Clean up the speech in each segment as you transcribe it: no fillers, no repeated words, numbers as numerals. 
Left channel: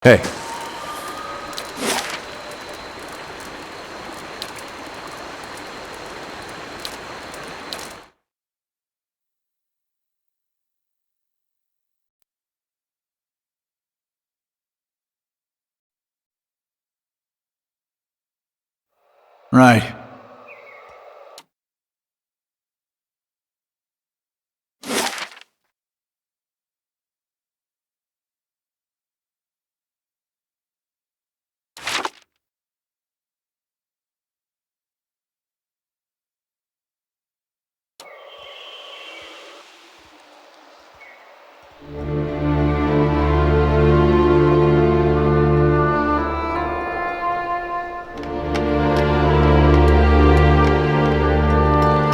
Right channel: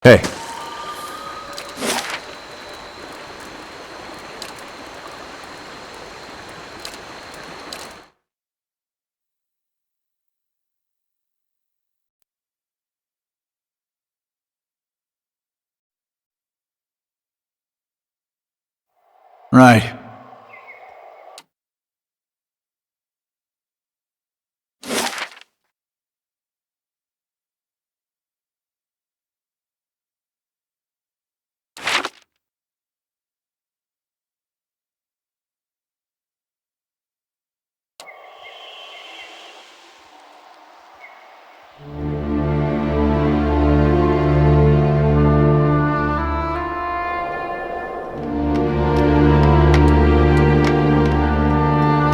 Hey. Right.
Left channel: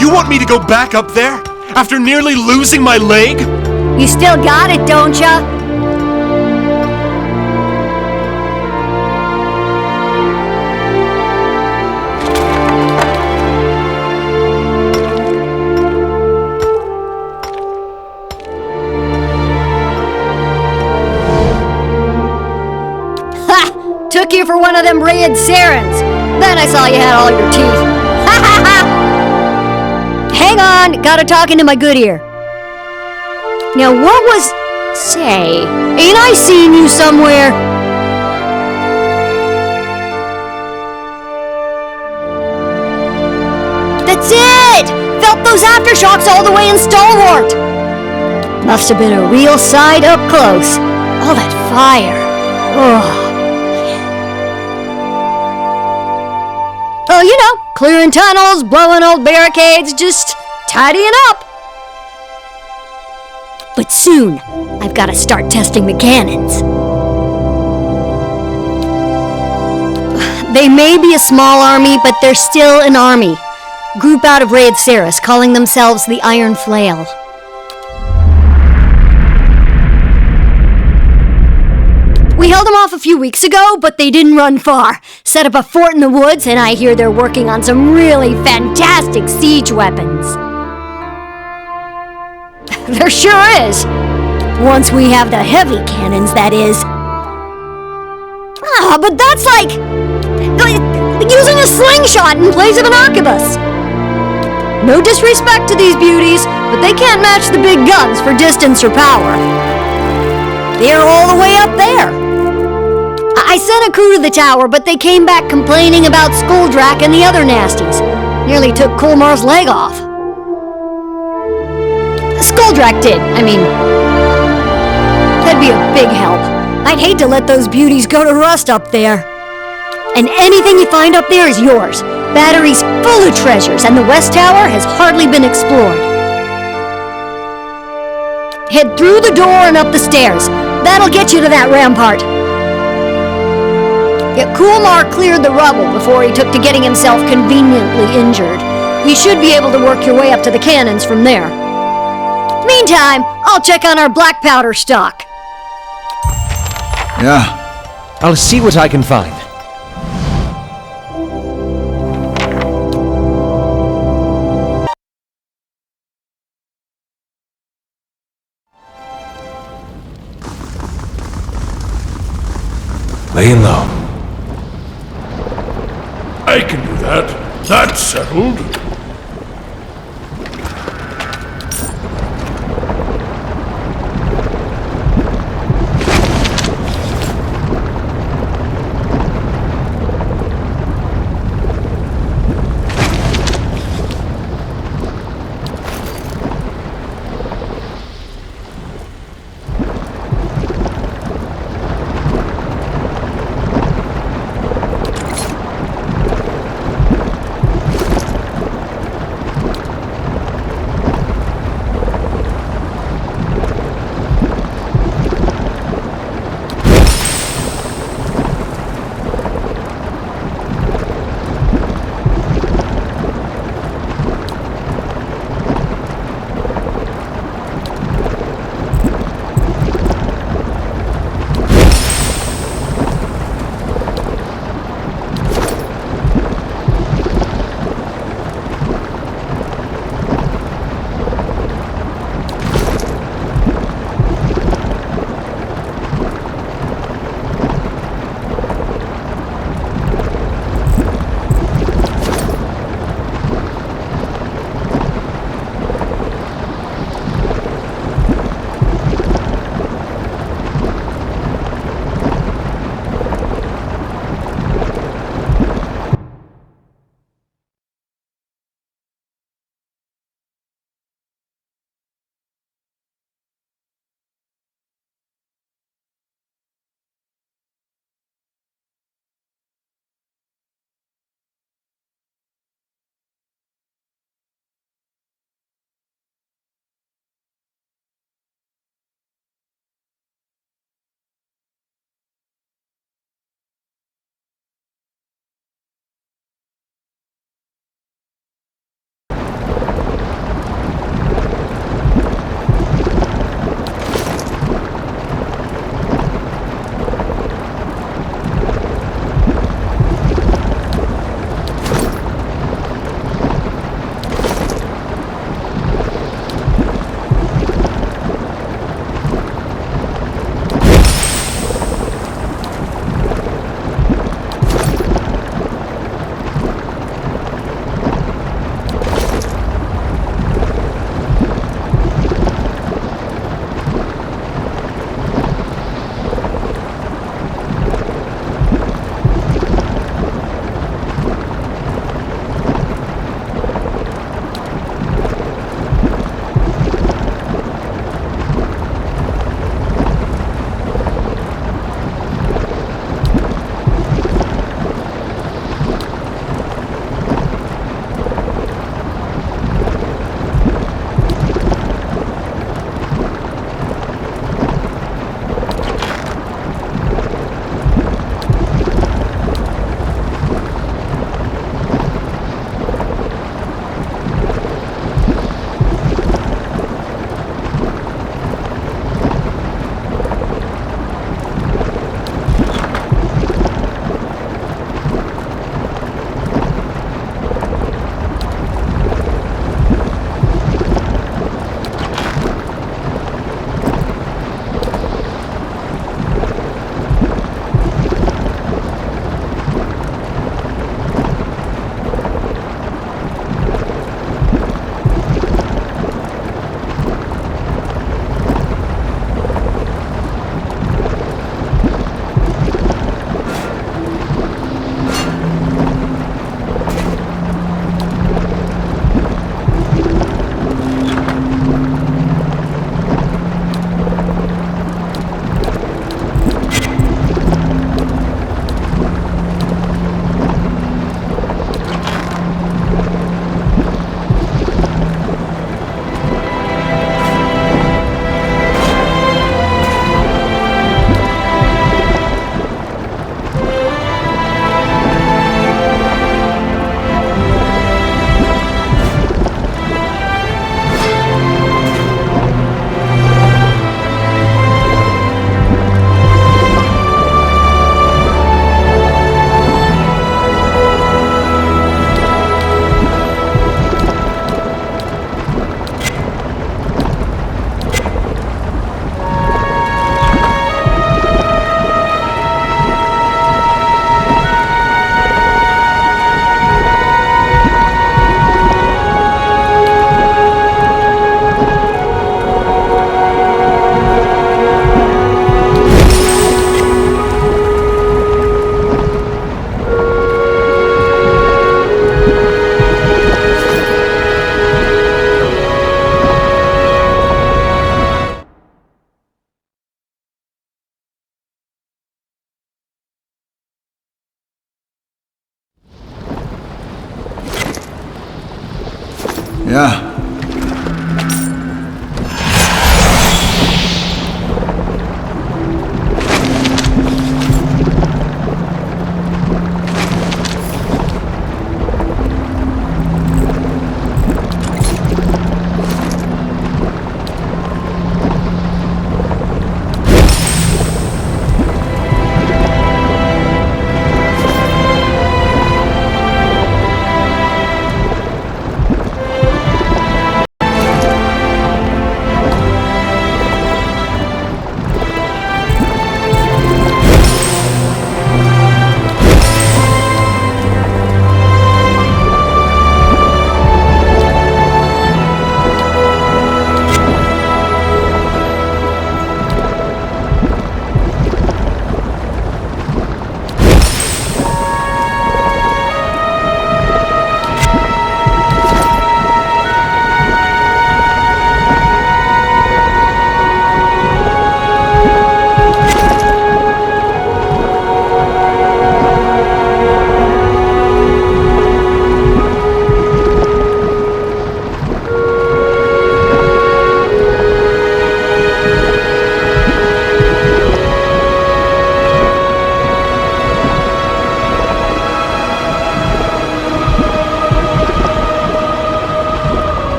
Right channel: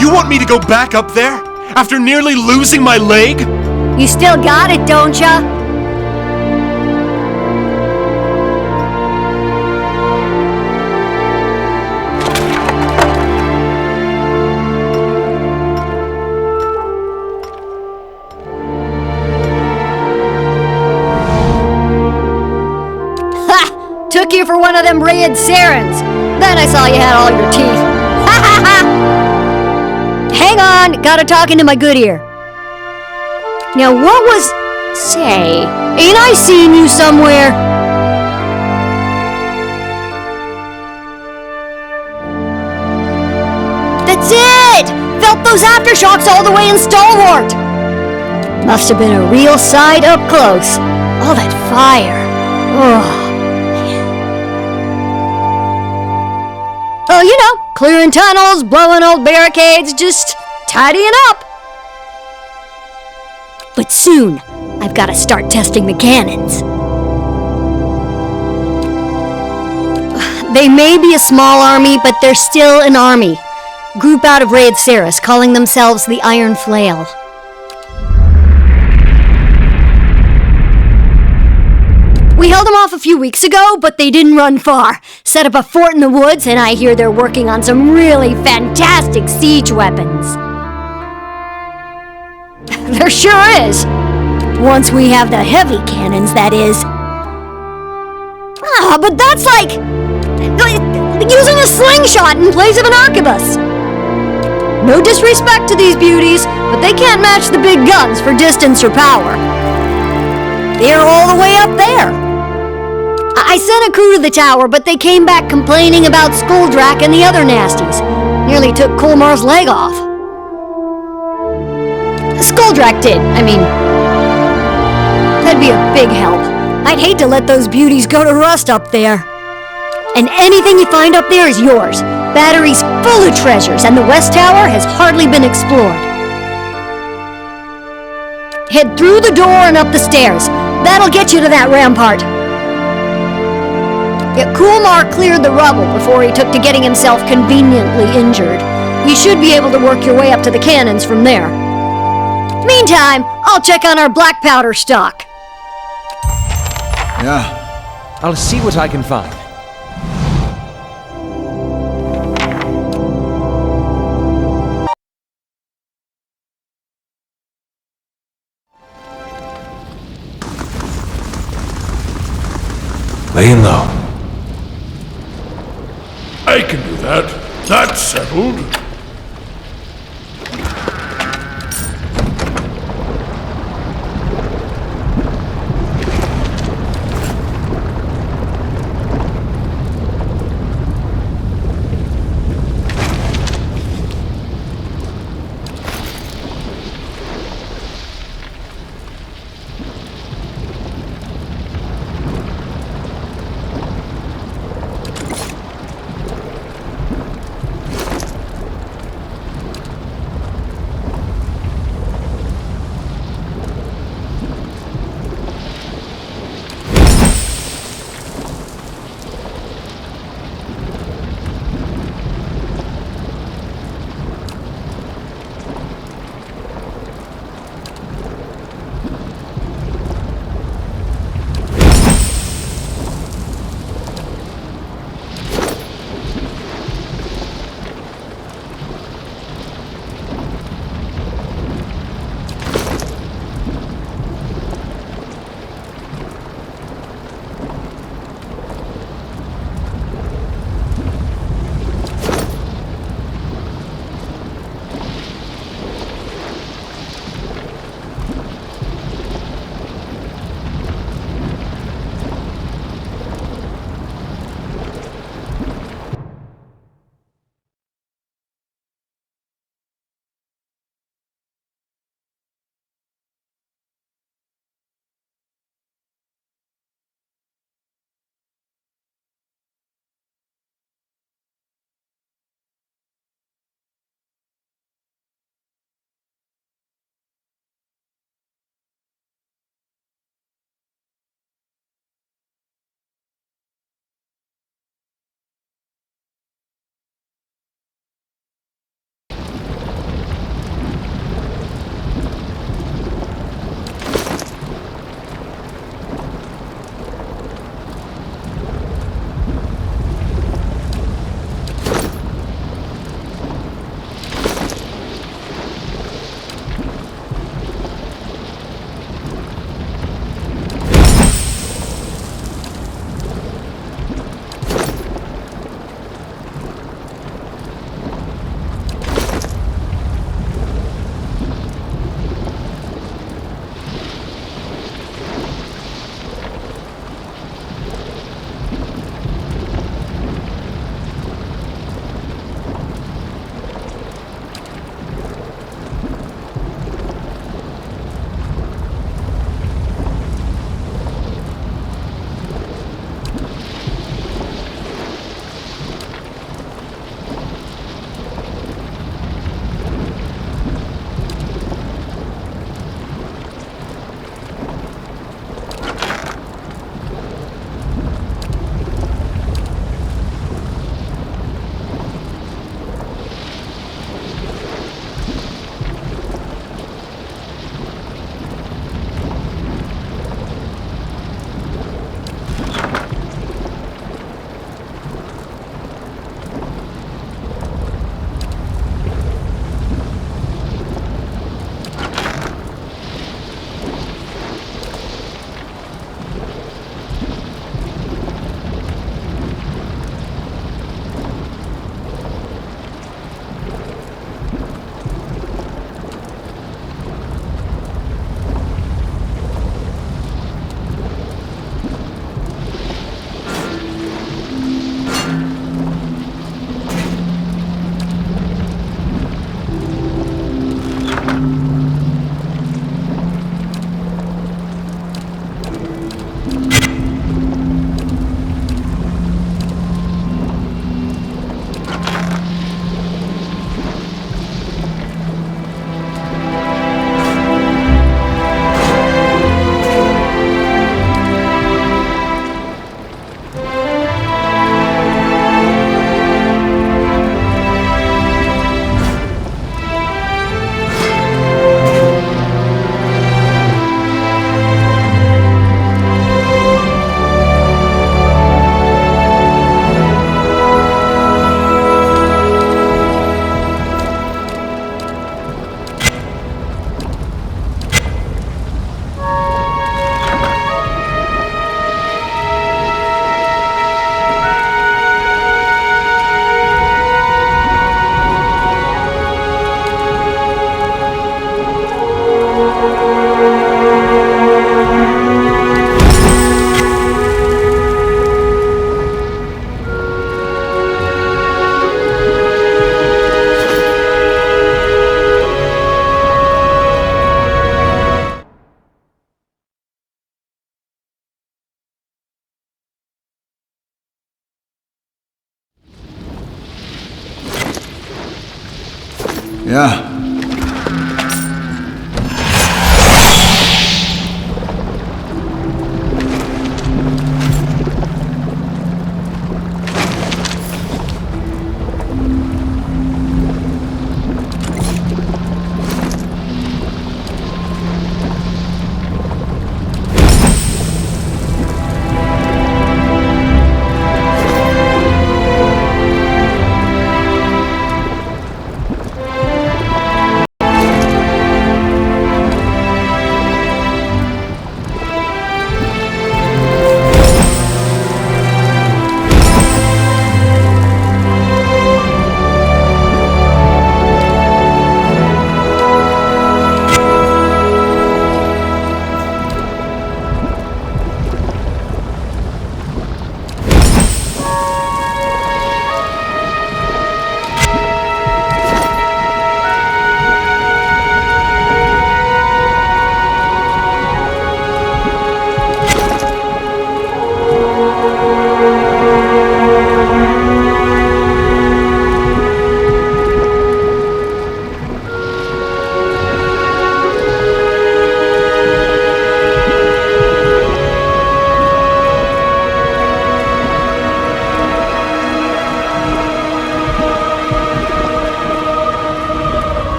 You want me to go back up there? After nearly losing my leg? You still got it, don't ya? Ha! Took you for one of them red Sarens. Then I saw you had all your teeth. Ha ha ha! Hang on, gotta talk into my good ear. Now what was... Say, ain't I seen you somewhere? That's it! Felt those aftershocks all the way in Stalwart! Must have been a real sight up close. All that fire. Oh. Oh, you know, clearing tunnels, blowing old barricades, just tidying up. But soon, I've got to start testing the cannons. They may be a small army, but they're still an army. Group out of Raid Ceres, calling themselves the Iron Flail. We held them off a few weeks ago, but they didn't run far. Set up a fort in the woods, and I hear they're working on some really fantastic siege weapons. There sure is. Once we have the heavy cannons, that is. Ah, but that's like using a slingshot in place of an arquebus. No disrespect to these beauties, but they can't match the big guns for distance or power. They're all the way up there. I sent a crew to the tower, but they came back complaining about Skuldrak and the other nasties. Nearly took Kolmar's leg off. Skuldrak did, I mean. That'd be a big help. I'd hate to let those beauties go to rust up there. And anything you find up there is yours. Battery's full of treasures, and the West Tower has hardly been explored. Head through the door and up the stairs. That'll get you to that rampart. Yeah, Kulmar cleared the rubble before he took to getting himself conveniently injured. You should be able to work your way up to the cannons from there. Meantime, I'll check on our black powder stock. Yeah. I'll see what I can find. Laying low. I can do that. That's settled. Yeah.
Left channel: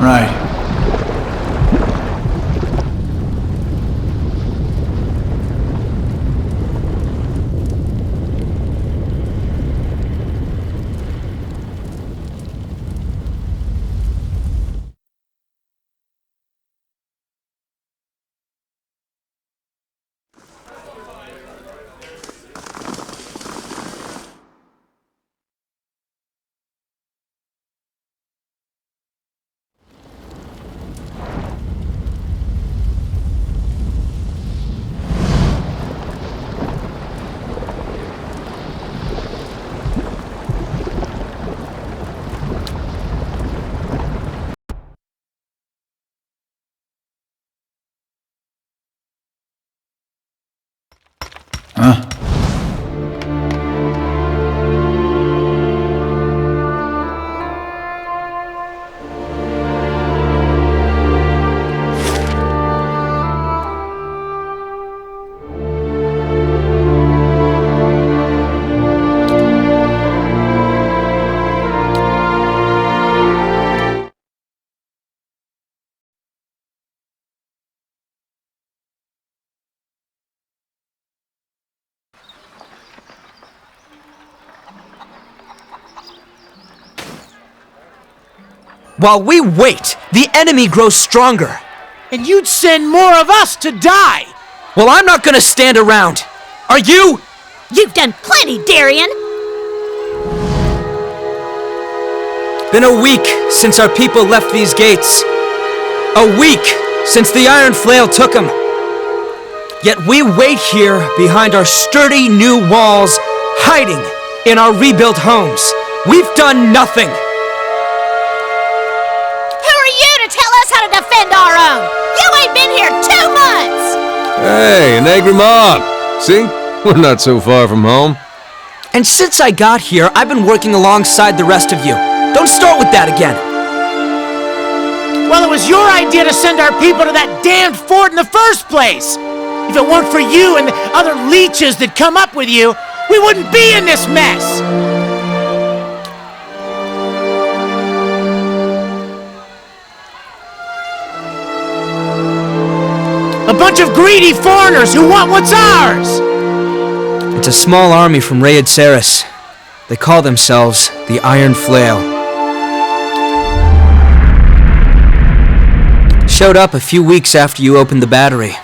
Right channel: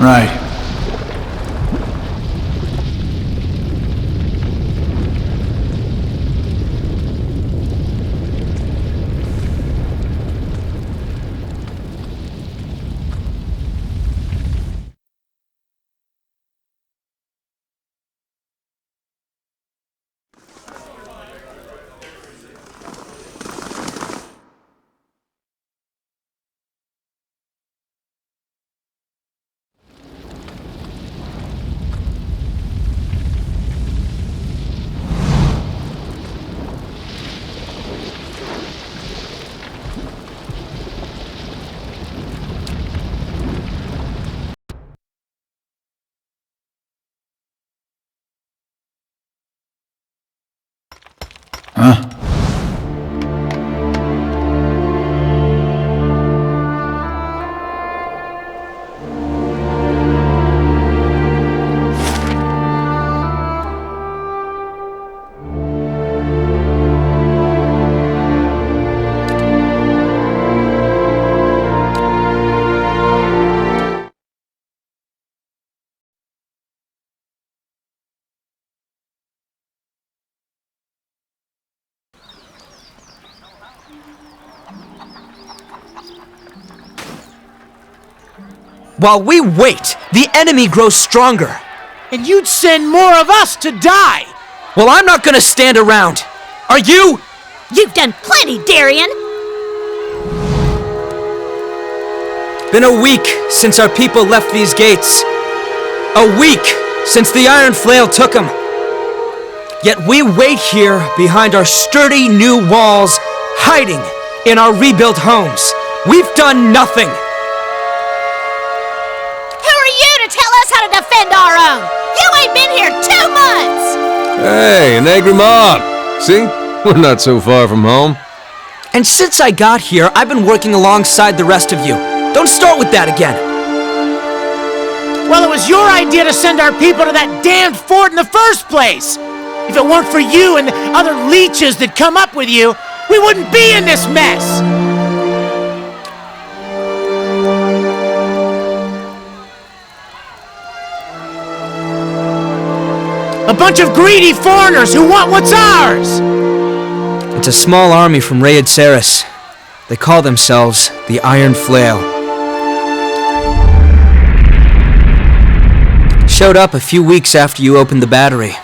Right. Huh? While we wait, the enemy grows stronger. And you'd send more of us to die! Well, I'm not gonna stand around. Are you? You've done plenty, Darian! been a week since our people left these gates. A week since the iron flail took them. Yet we wait here behind our sturdy new walls, hiding in our rebuilt homes. We've done nothing. Who are you to tell us how to defend our own? You ain't been here 2 months! Hey, an angry mob. See? We're not so far from home. And since I got here, I've been working alongside the rest of you. Don't start with that again. Well, it was your idea to send our people to that damned fort in the first place. If it weren't for you and the other leeches that come up with you, we wouldn't be in this mess. A bunch of greedy foreigners who want what's ours! It's a small army from Raid Saris. They call themselves the Iron Flail. Showed up a few weeks after you opened the battery.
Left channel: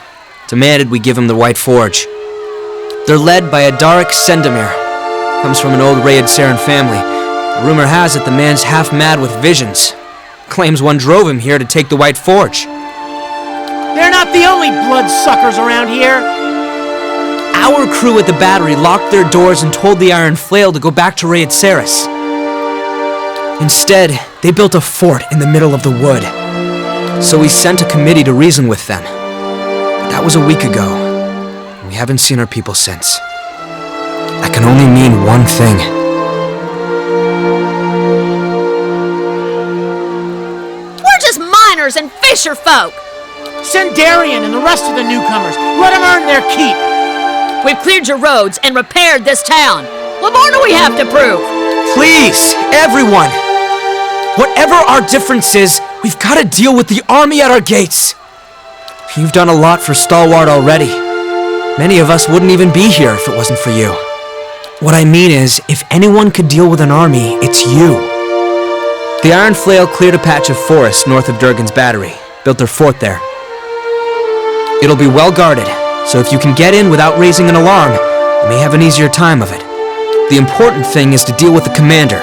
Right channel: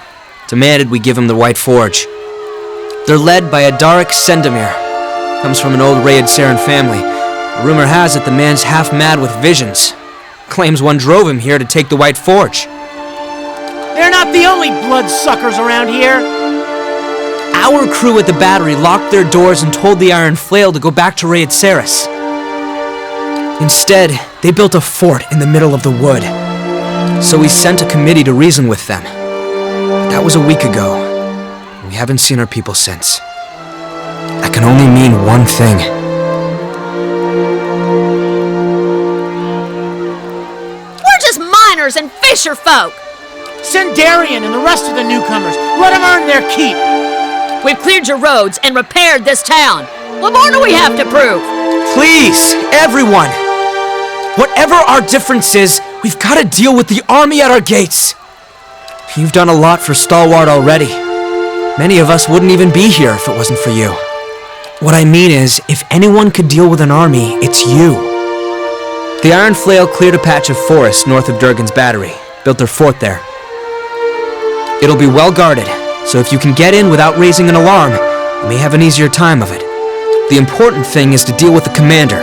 Demanded we give him the White Forge. They're led by Adarik Sendamir. Comes from an old Raid Saren family. Rumor has it the man's half mad with visions. Claims one drove him here to take the White Forge. They're not the only bloodsuckers around here. Our crew at the battery locked their doors and told the Iron Flail to go back to Raid Saris. Instead, they built a fort in the middle of the wood. So we sent a committee to reason with them. But that was a week ago. We haven't seen our people since. That can only mean one thing. We're just miners and fisher folk! Send Darian and the rest of the newcomers. Let them earn their keep. We've cleared your roads and repaired this town. What more do we have to prove? Please, everyone! Whatever our difference is, we've got to deal with the army at our gates. You've done a lot for Stalwart already. Many of us wouldn't even be here if it wasn't for you. What I mean is, if anyone could deal with an army, it's you. The Iron Flail cleared a patch of forest north of Durgan's battery, built their fort there. It'll be well guarded, so if you can get in without raising an alarm, you may have an easier time of it. The important thing is to deal with the commander.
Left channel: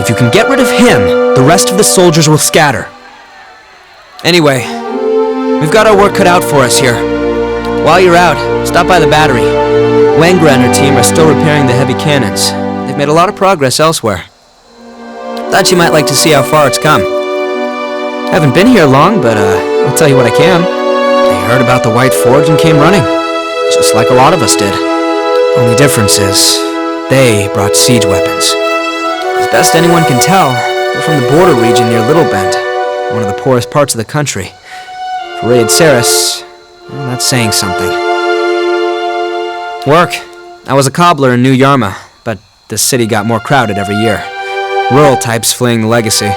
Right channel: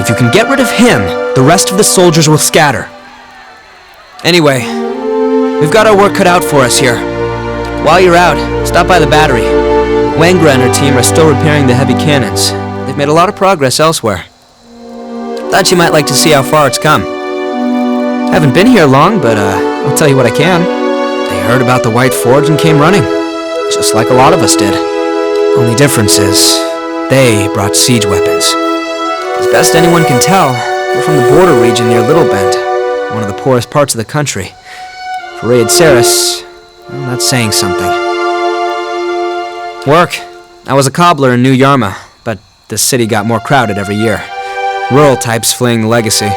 If you can get rid of him, the rest of the soldiers will scatter. Anyway, we've got our work cut out for us here. While you're out, stop by the battery. Wangra and her team are still repairing the heavy cannons. They've made a lot of progress elsewhere. Thought you might like to see how far it's come. Haven't been here long, but I'll tell you what I can. They heard about the White Forge and came running. Just like a lot of us did. Only difference is, they brought siege weapons. As best anyone can tell, they're from the border region near Little Bend, one of the poorest parts of the country. For Raid Saris, well, that's saying something. Work. I was a cobbler in New Yarma, but the city got more crowded every year. Rural types fleeing the legacy.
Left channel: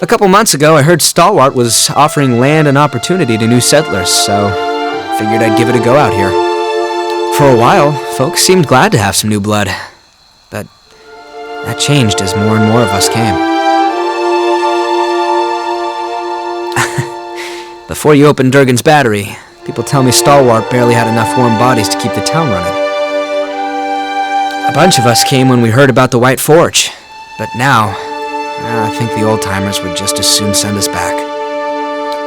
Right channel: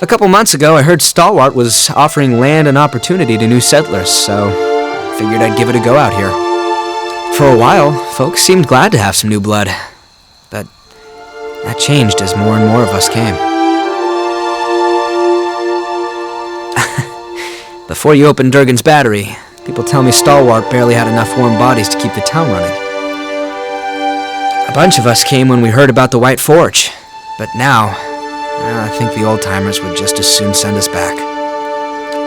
A couple months ago, I heard Stalwart was offering land and opportunity to new settlers, so I figured I'd give it a go out here. For a while, folks seemed glad to have some new blood, but that changed as more and more of us came. Before you opened Durgan's battery, people tell me Stalwart barely had enough warm bodies to keep the town running. A bunch of us came when we heard about the White Forge, but now, I think the old-timers would just as soon send us back.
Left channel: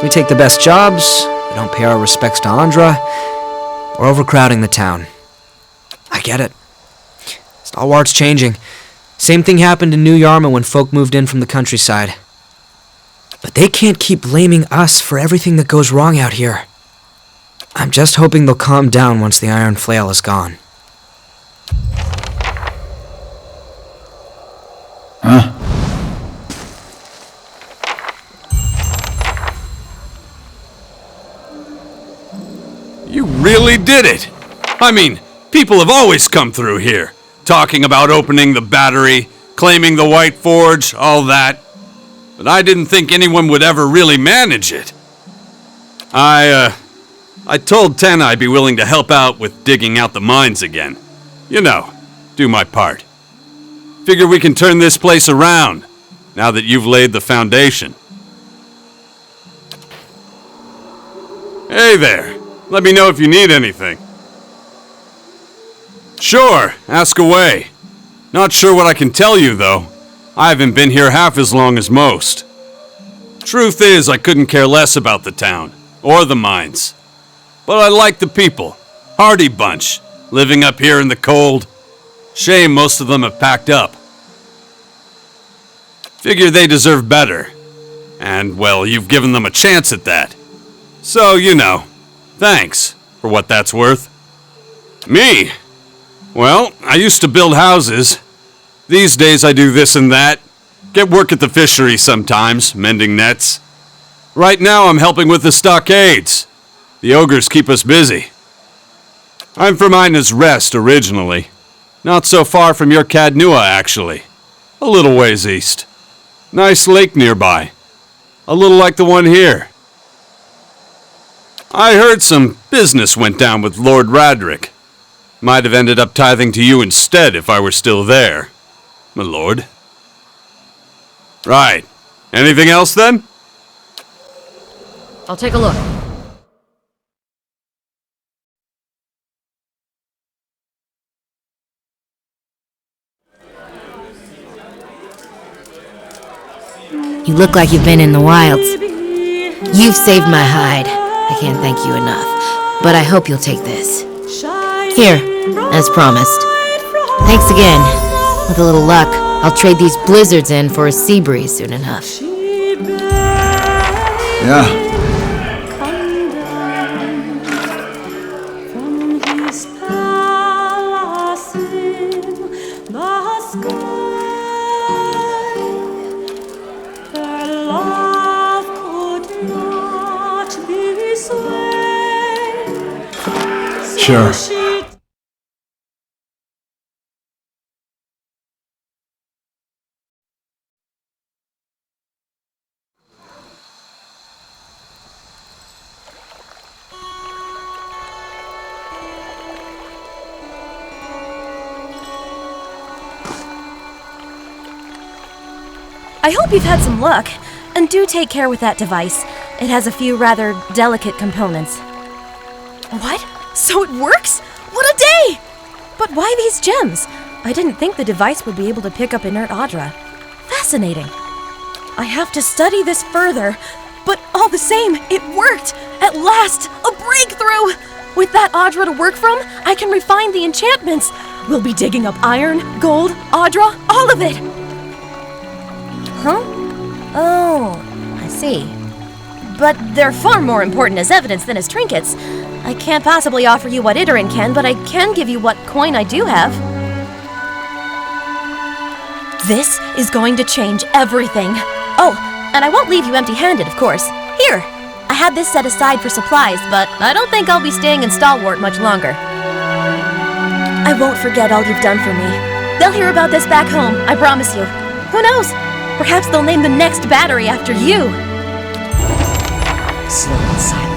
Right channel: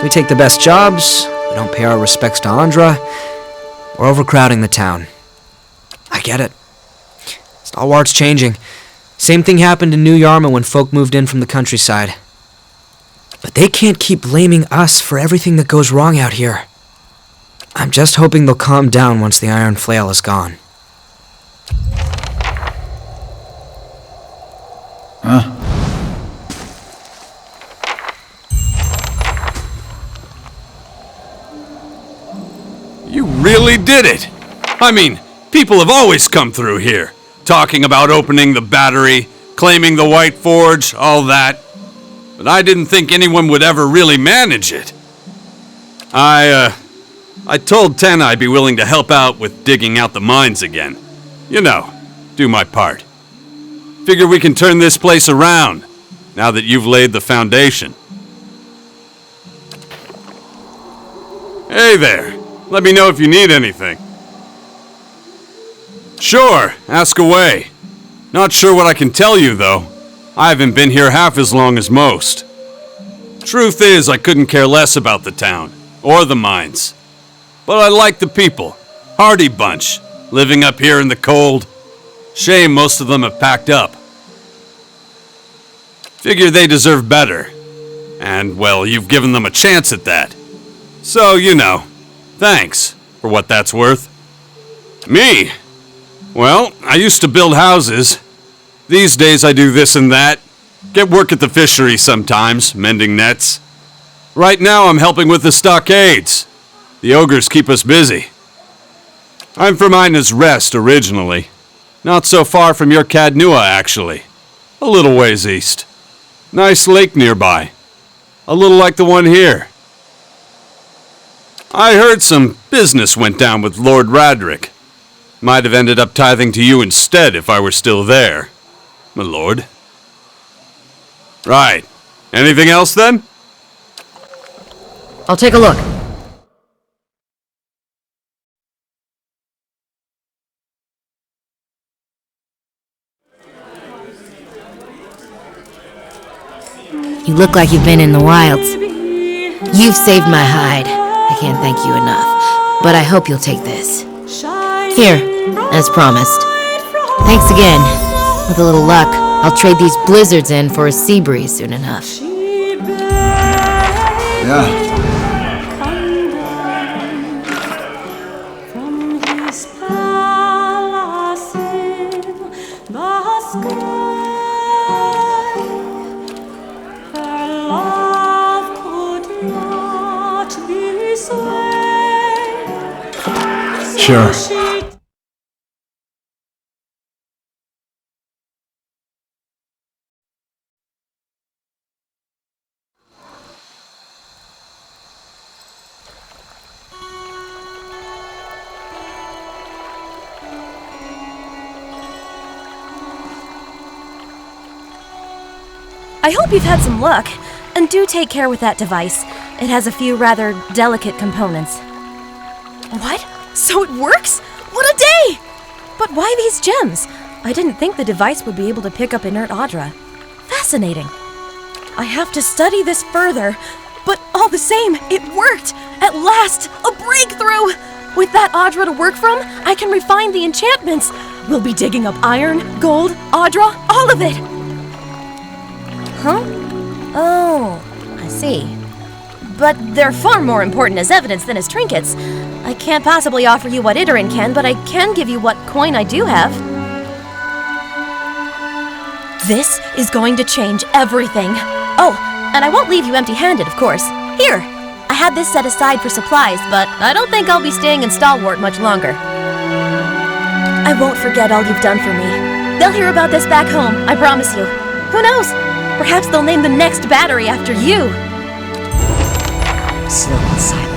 We take the best jobs, we don't pay our respects to Andra, we're overcrowding the town. I get it. Stalwart's changing. Same thing happened in New Yarma when folk moved in from the countryside. But they can't keep blaming us for everything that goes wrong out here. I'm just hoping they'll calm down once the Iron Flail is gone. Huh? You really did it! I mean, people have always come through here, talking about opening the battery, claiming the White Forge, all that. But I didn't think anyone would ever really manage it. I told Ten I'd be willing to help out with digging out the mines again. You know, do my part. Figure we can turn this place around, now that you've laid the foundation. Hey there. Let me know if you need anything. Sure, ask away. Not sure what I can tell you, though. I haven't been here half as long as most. Truth is, I couldn't care less about the town, or the mines. But I like the people. Hardy bunch, living up here in the cold. Shame most of them have packed up. Figure they deserve better. And, well, you've given them a chance at that. So, you know, thanks, for what that's worth. Me? Well, I used to build houses. These days I do this and that. Get work at the fishery sometimes, mending nets. Right now I'm helping with the stockades. The ogres keep us busy. I'm from Ina's Rest originally. Not so far from your Cadnua, actually. A little ways east. Nice lake nearby. A little like the one here. I heard some business went down with Lord Radric. Might have ended up tithing to you instead if I were still there, my lord. Right. Anything else then? I'll take a look. You look like you've been in the wilds. You've saved my hide. I can't thank you enough, but I hope you'll take this. Here, as promised. Thanks again. With a little luck, I'll trade these blizzards in for a sea breeze soon enough. Yeah. Sure. I hope you've had some luck, and do take care with that device. It has a few rather delicate components. What? So it works? What a day! But why these gems? I didn't think the device would be able to pick up inert Audra. Fascinating. I have to study this further, but all the same, it worked! At last, a breakthrough! With that Audra to work from, I can refine the enchantments. We'll be digging up iron, gold, Audra, all of it! Huh? Oh, I see. But they're far more important as evidence than as trinkets. I can't possibly offer you what Iterin can, but I can give you what coin I do have. This is going to change everything. Oh, and I won't leave you empty-handed, of course. Here, I had this set aside for supplies, but I don't think I'll be staying in Stalwart much longer. I won't forget all you've done for me. They'll hear about this back home, I promise you. Who knows? Perhaps they'll name the next battery after you. Slow and silent.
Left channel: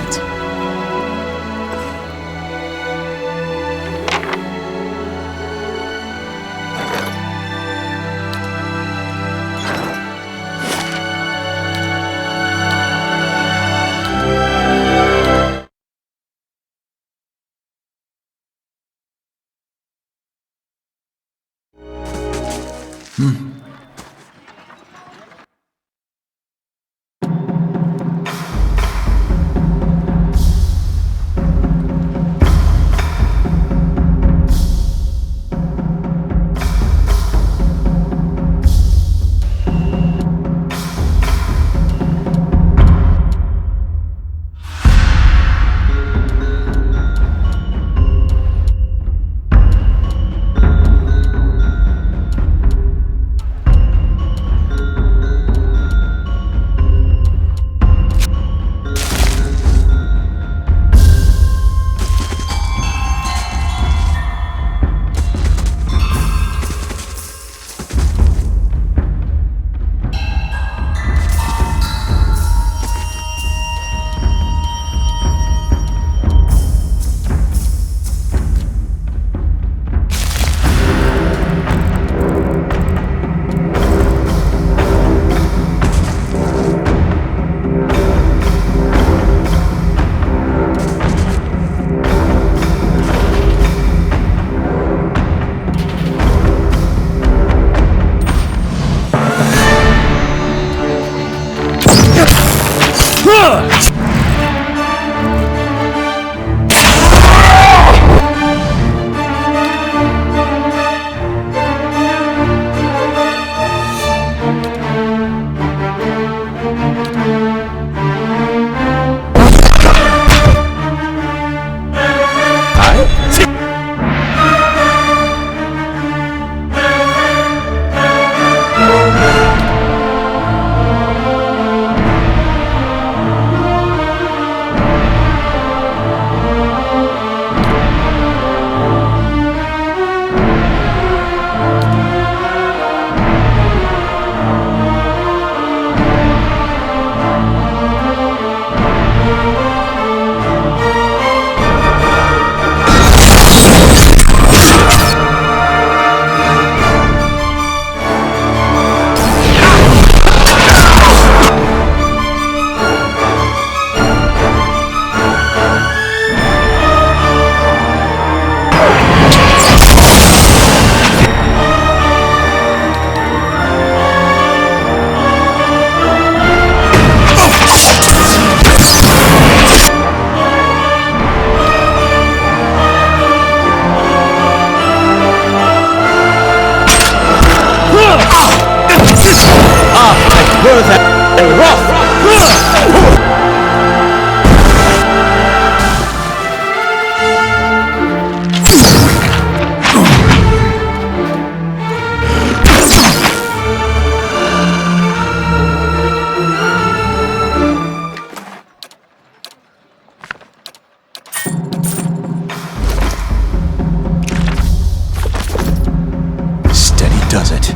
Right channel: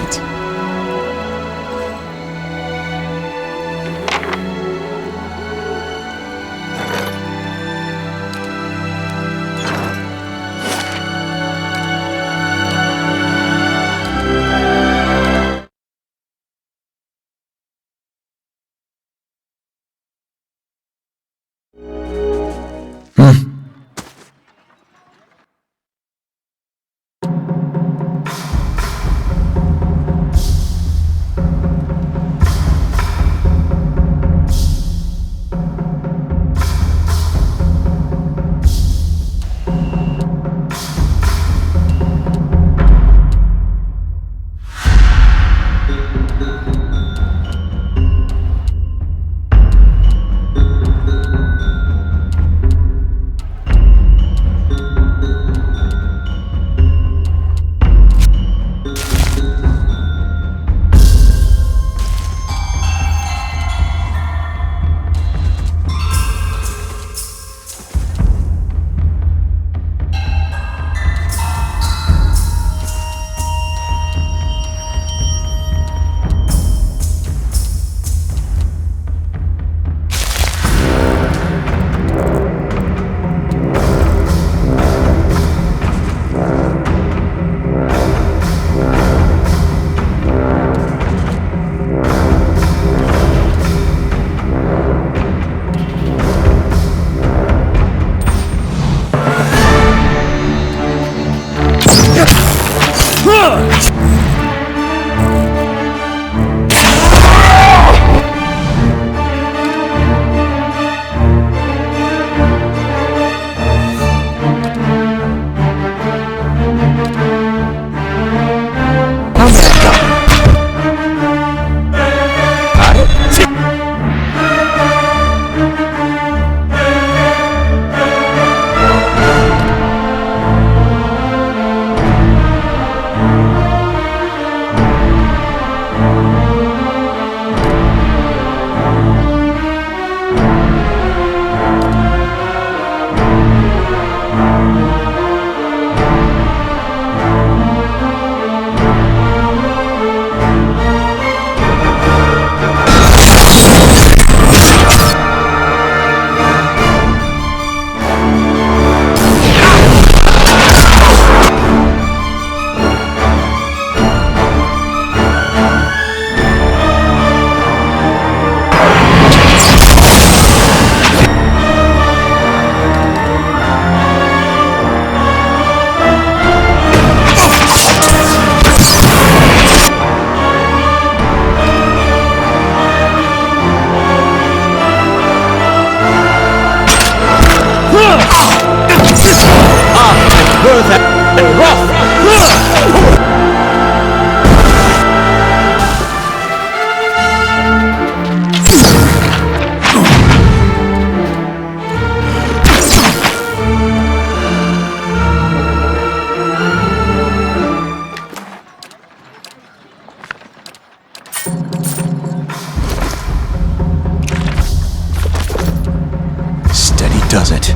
Steady does it.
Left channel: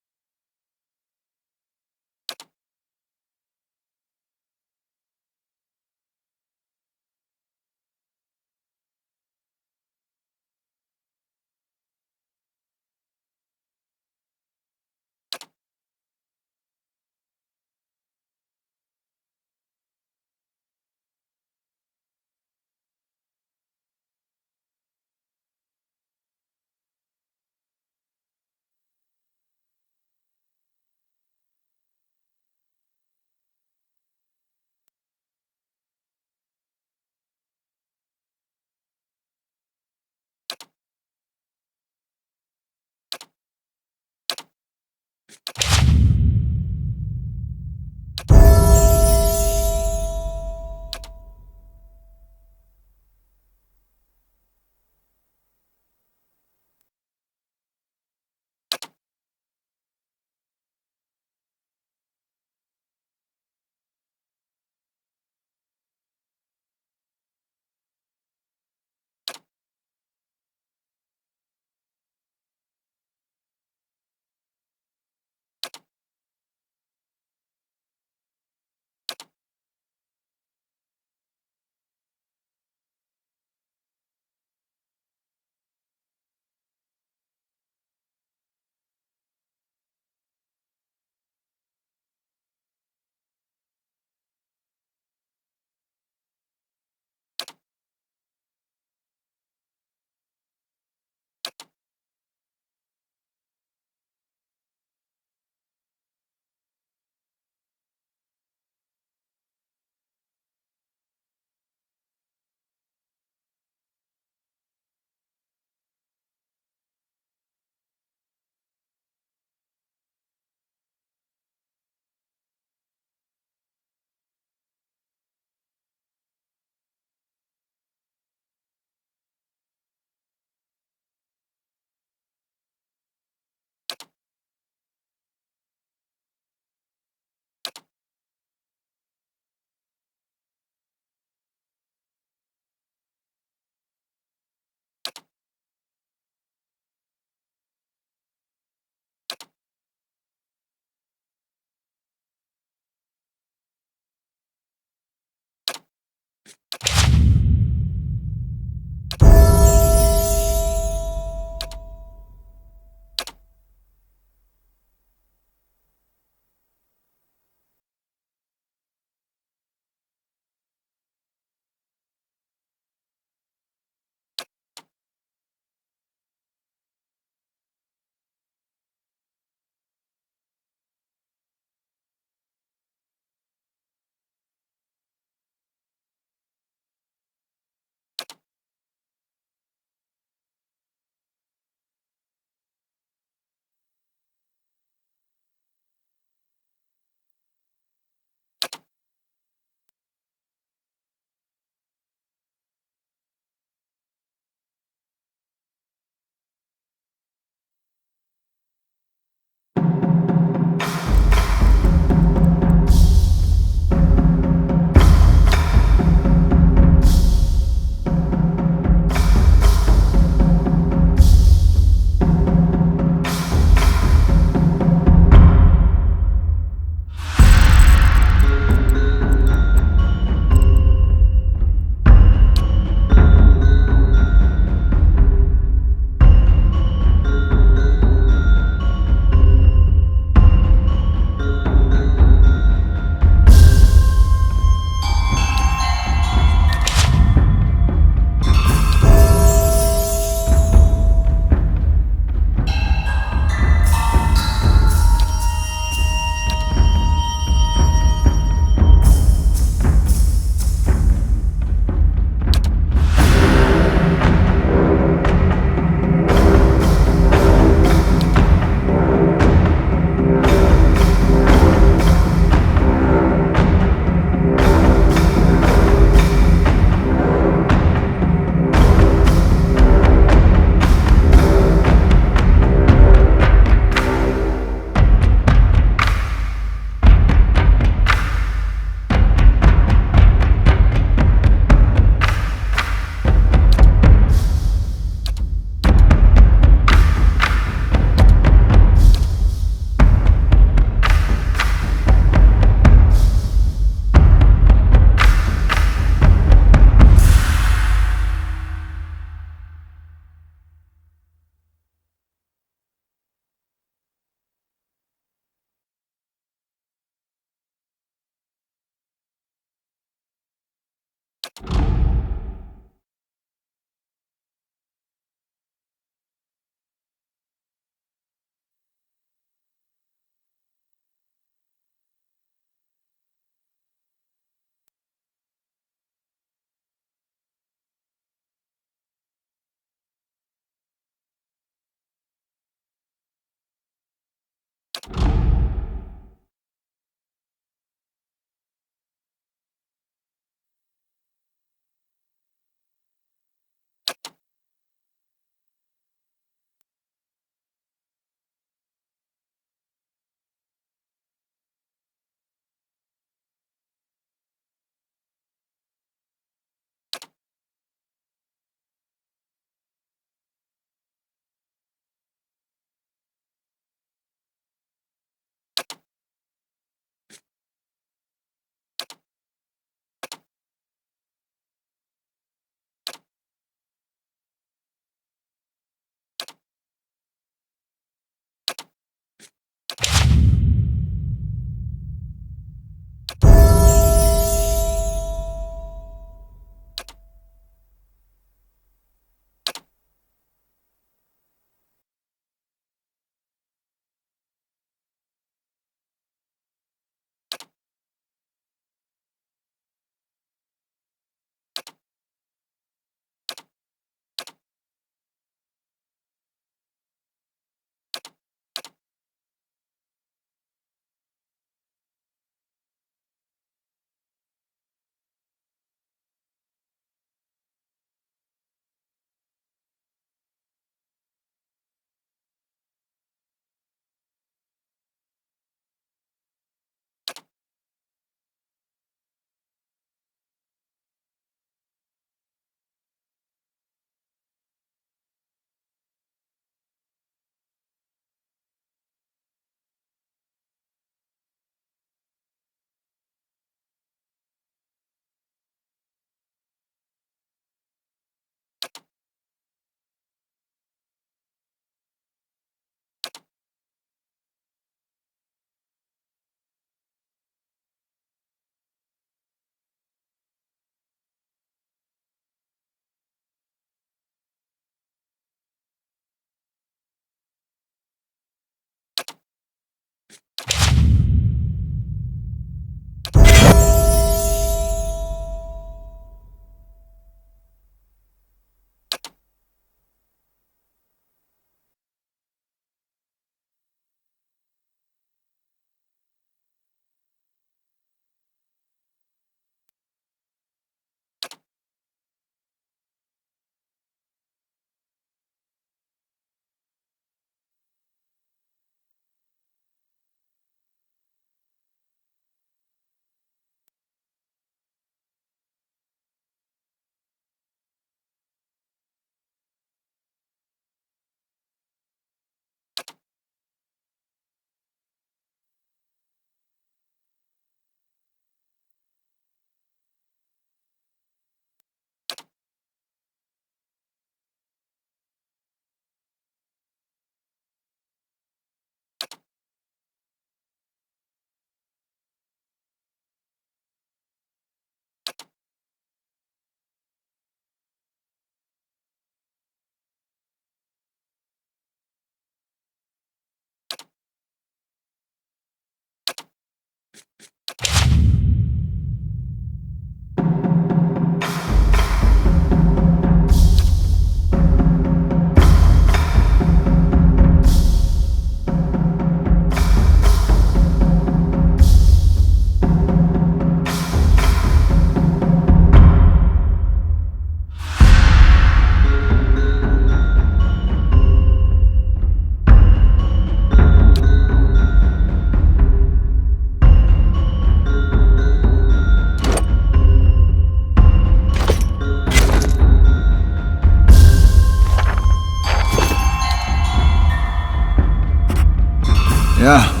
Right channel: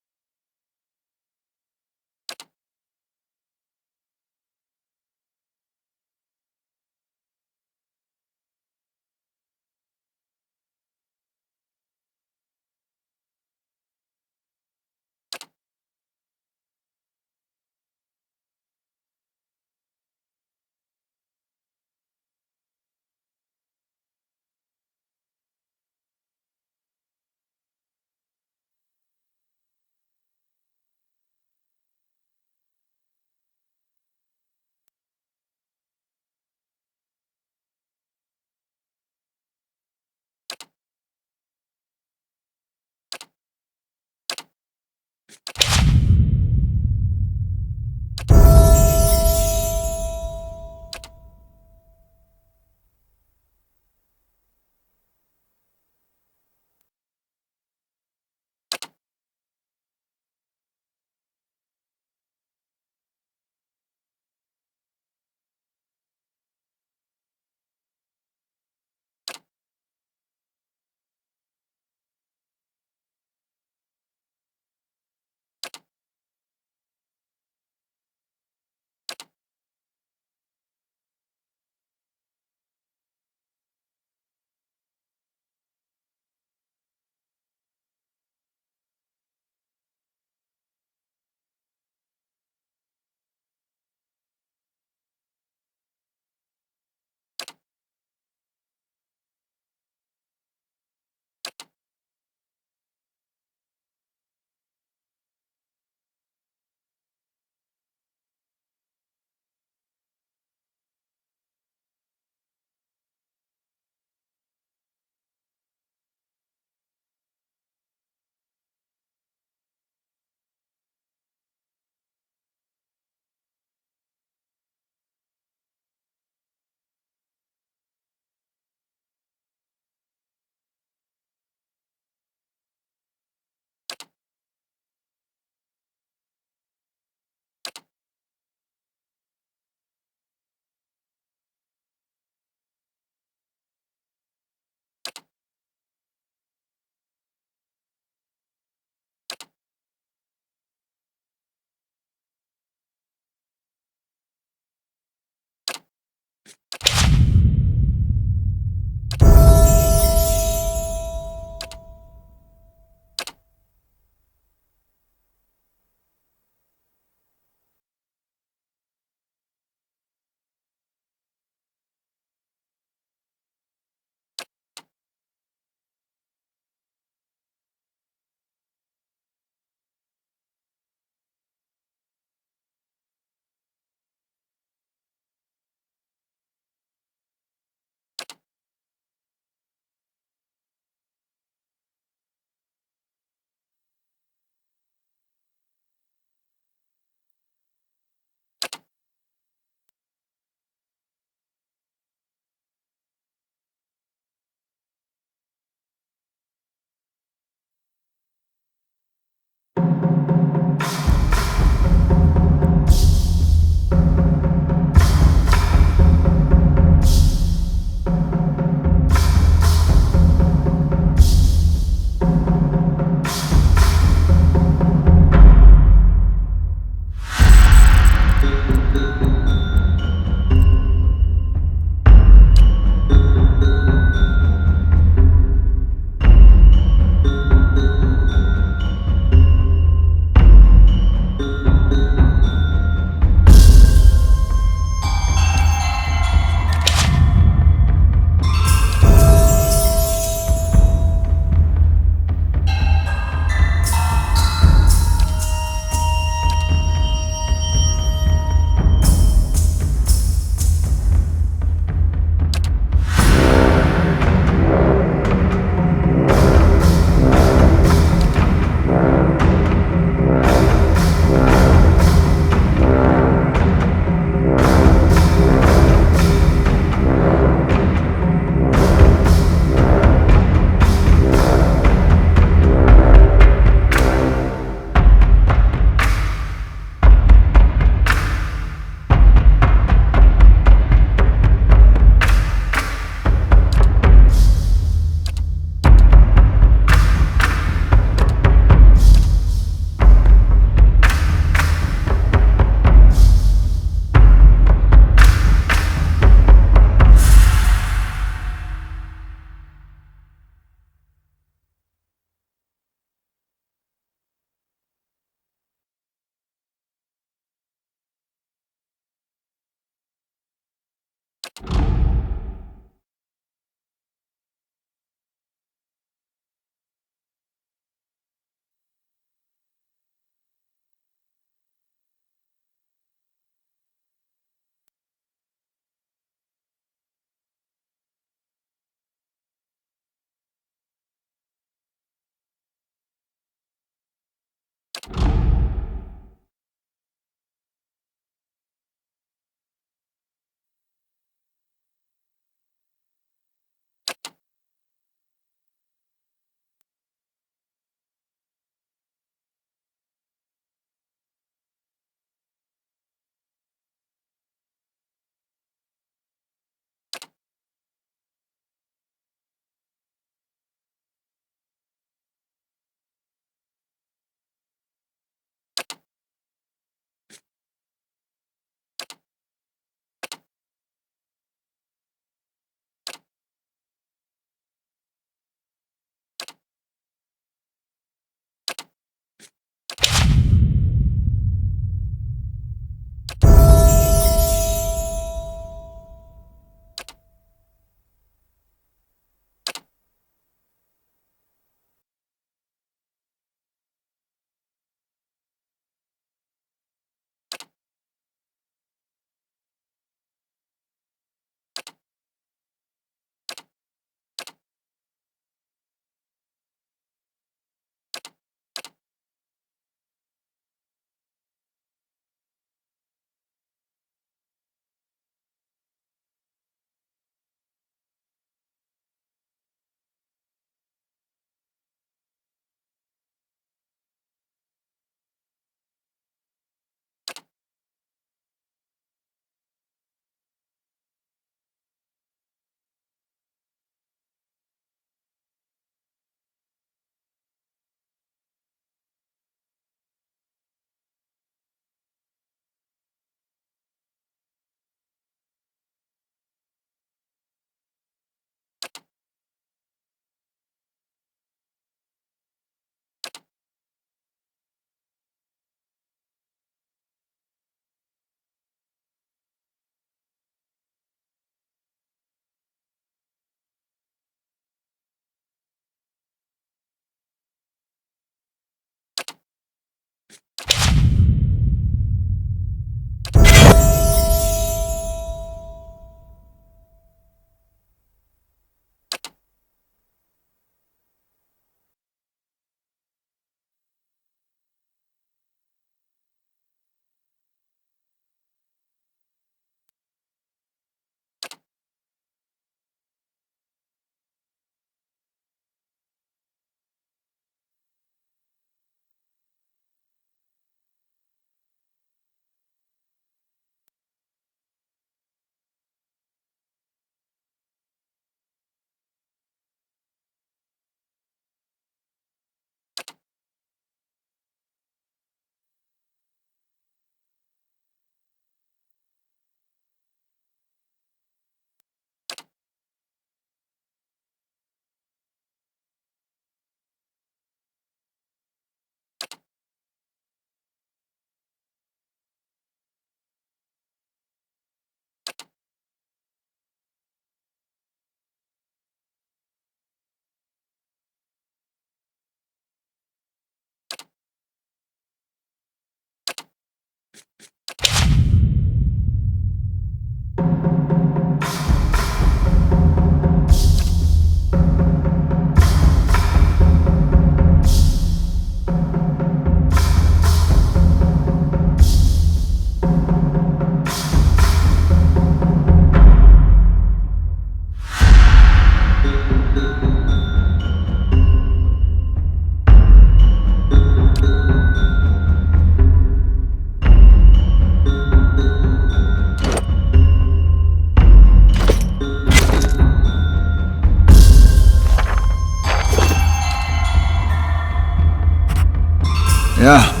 Yeah.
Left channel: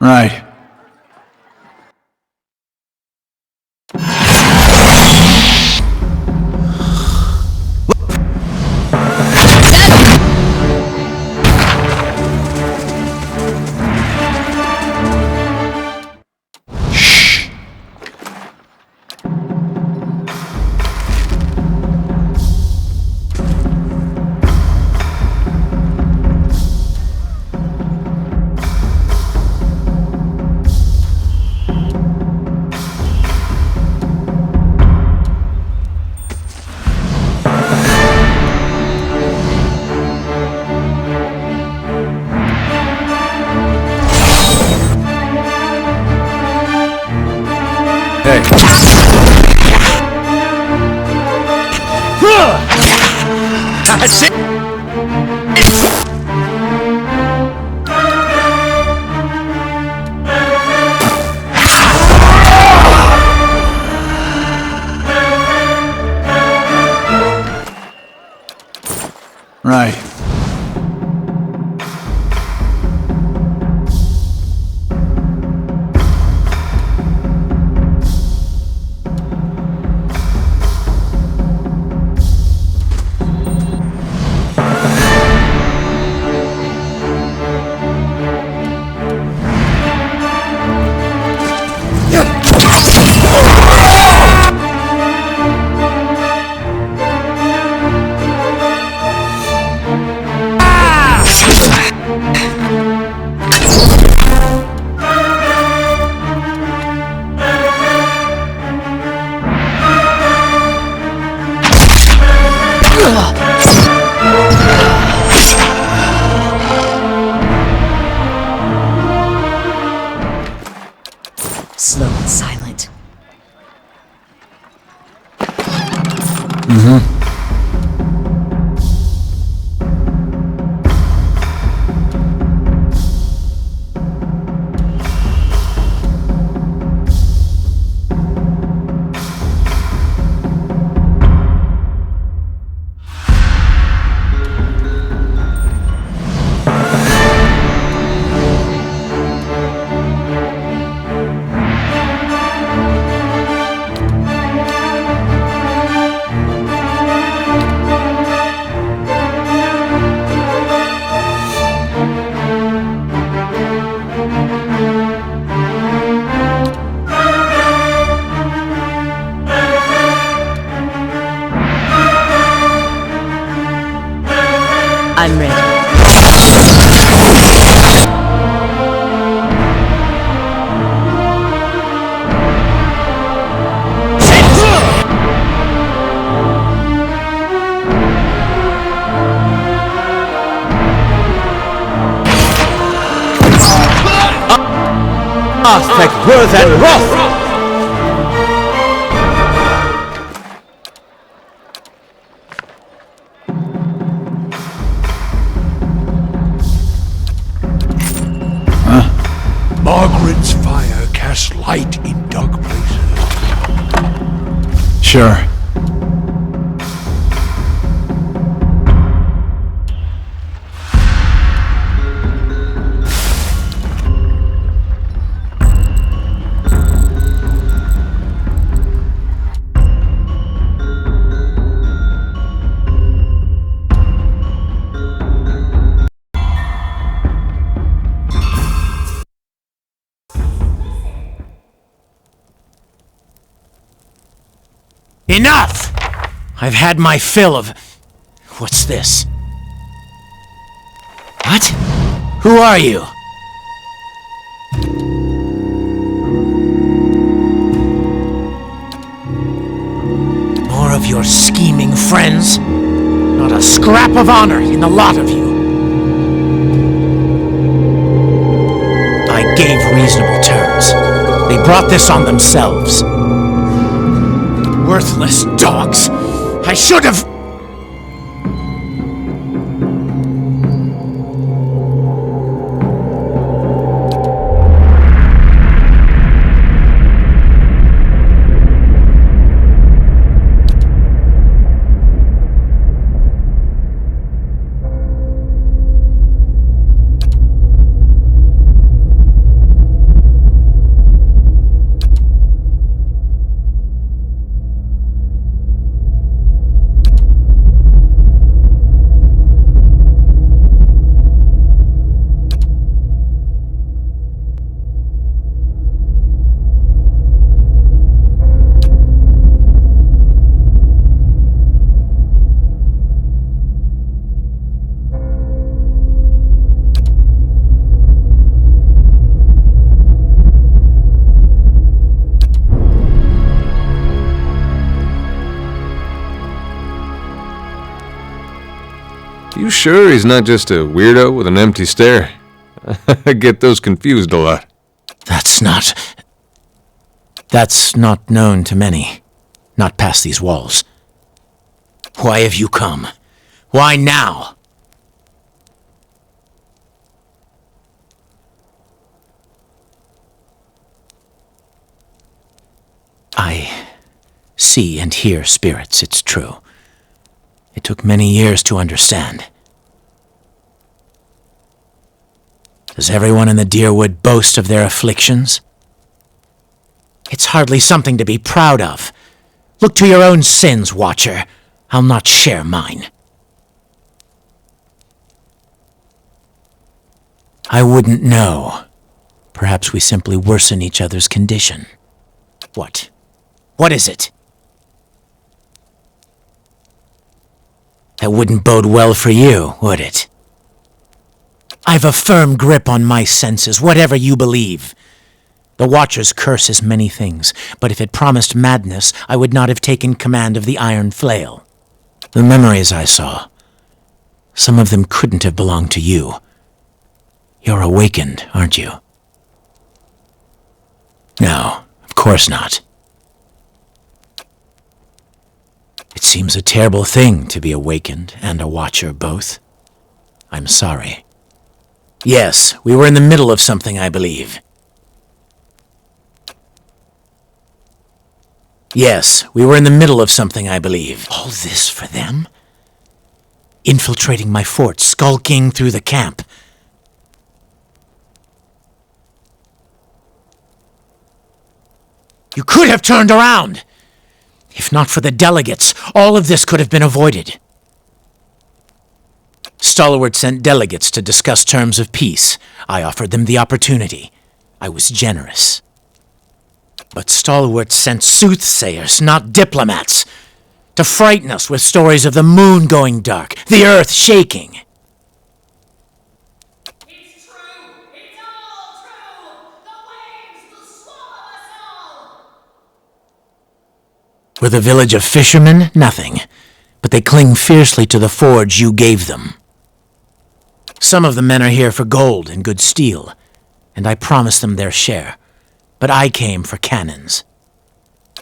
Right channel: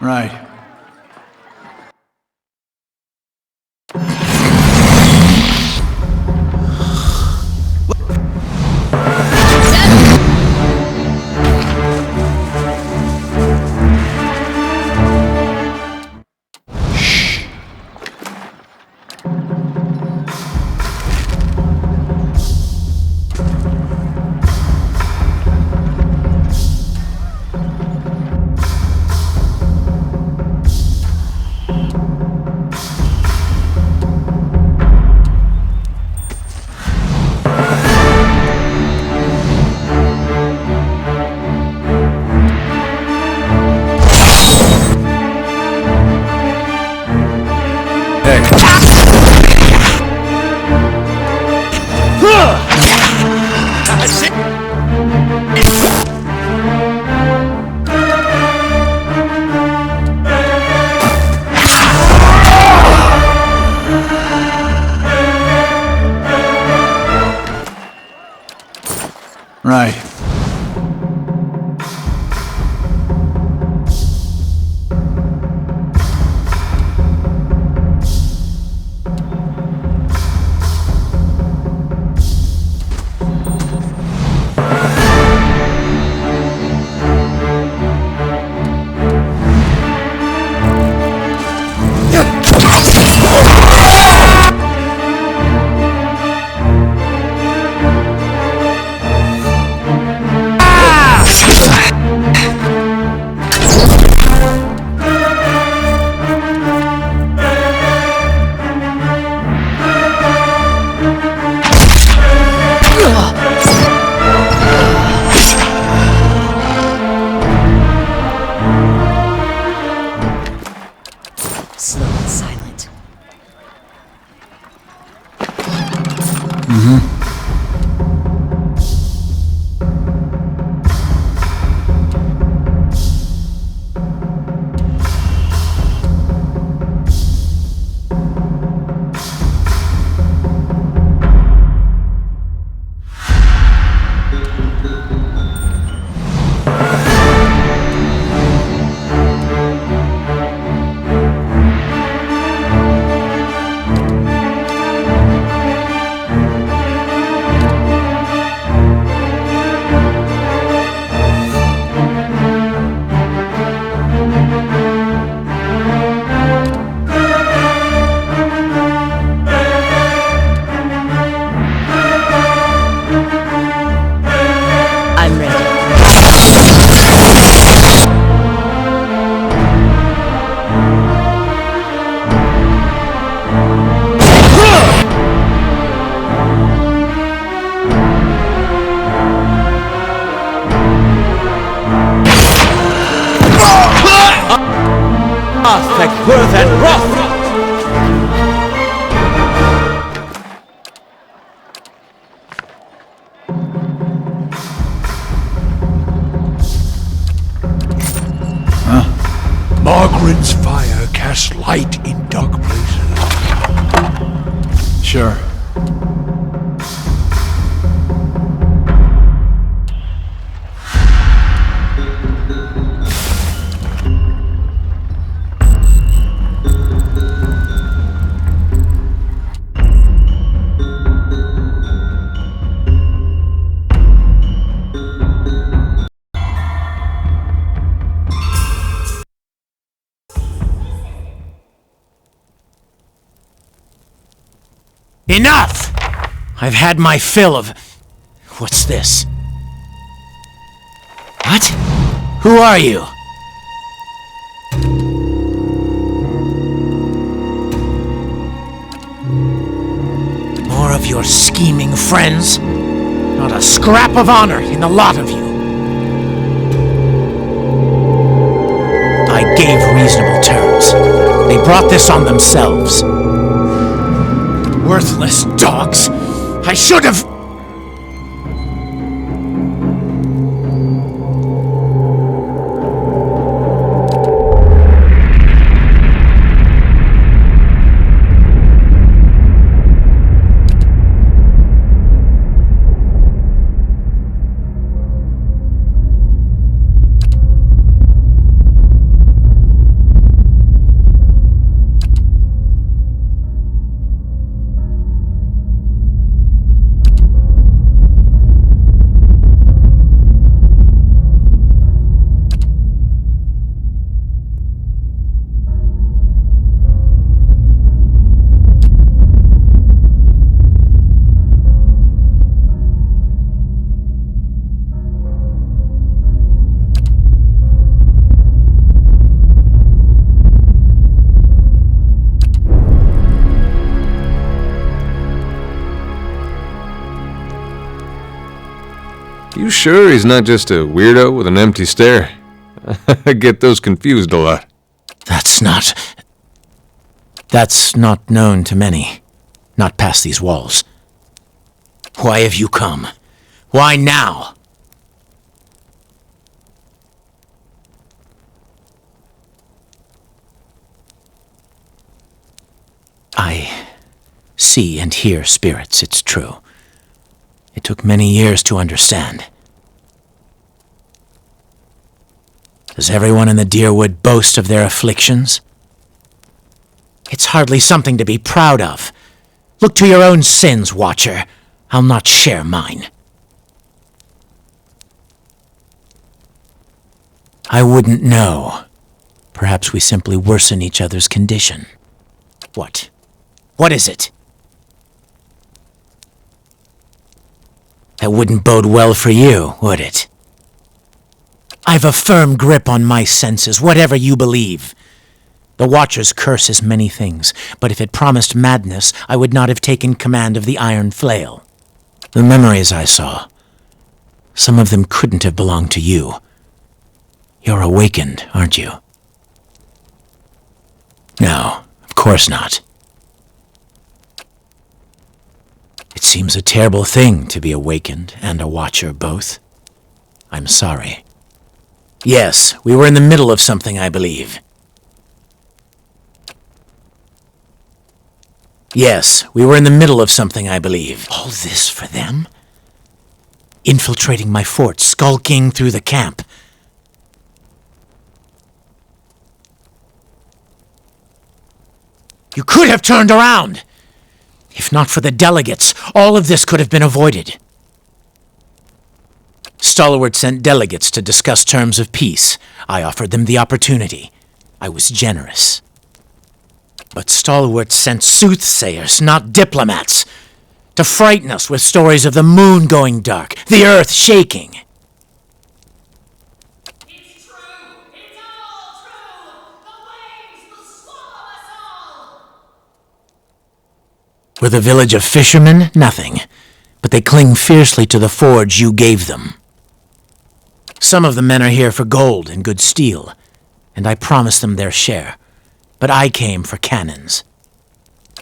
Right. That's it! Right. Slow and silent. Athek, Worth, and Roth! Margaret's fire casts light in dark places. Sure. Enough! I've had my fill of... What's this? What? Who are you? More of your scheming friends? Not a scrap of honor in the lot of you. I gave reasonable terms. They brought this on themselves. Worthless dogs! I should have... You sure he's not just a weirdo with an empty stare? I get those confused a lot. That's not known to many. Not past these walls. Why have you come? Why now? I see and hear spirits, it's true. It took many years to understand. Does everyone in the Deerwood boast of their afflictions? It's hardly something to be proud of. Look to your own sins, Watcher. I'll not share mine. I wouldn't know. Perhaps we simply worsen each other's condition. What? What is it? That wouldn't bode well for you, would it? I've a firm grip on my senses, whatever you believe. The Watcher's curse is many things, but if it promised madness, I would not have taken command of the Iron Flail. The memories I saw, some of them couldn't have belonged to you. You're awakened, aren't you? No, of course not. It seems a terrible thing to be awakened and a Watcher both. I'm sorry. Yes, we were in the middle of something, I believe. Yes, we were in the middle of something, I believe. All this for them? Infiltrating my fort, skulking through the camp. You could have turned around! If not for the delegates, all of this could have been avoided. Stalwart sent delegates to discuss terms of peace. I offered them the opportunity. I was generous. But Stalwart sent soothsayers, not diplomats, to frighten us with stories of the moon going dark, the earth shaking. It's true! It's all true! The waves will swallow us all! With a village of fishermen, nothing. But they cling fiercely to the forge you gave them. Some of the men are here for gold and good steel, and I promised them their share. but I came for cannons.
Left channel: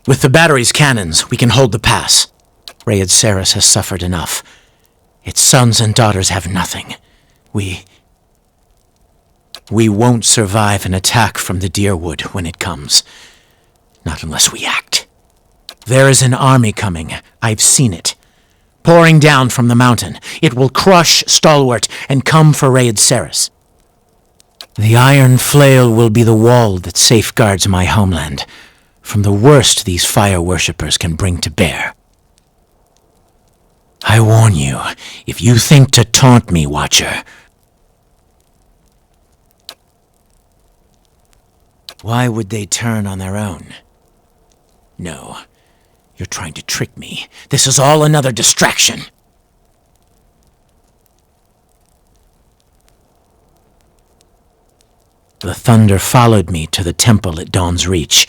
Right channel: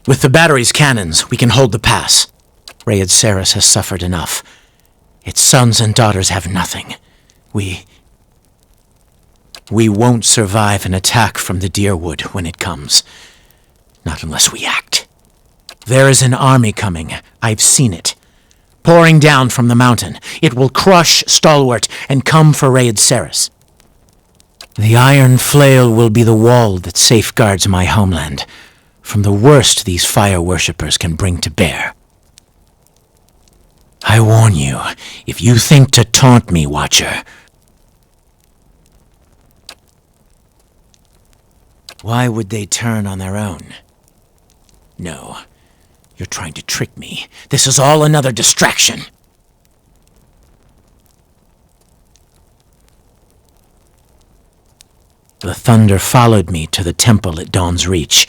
With the battery's cannons, we can hold the pass. Rayed Saris has suffered enough. Its sons and daughters have nothing. We won't survive an attack from the Deerwood when it comes. Not unless we act. There is an army coming. I've seen it. Pouring down from the mountain. It will crush Stalwart and come for Rayed Saris. The Iron Flail will be the wall that safeguards my homeland from the worst these fire worshippers can bring to bear. I warn you, if you think to taunt me, Watcher. Why would they turn on their own? No, you're trying to trick me. This is all another distraction. The thunder followed me to the temple at Dawn's Reach,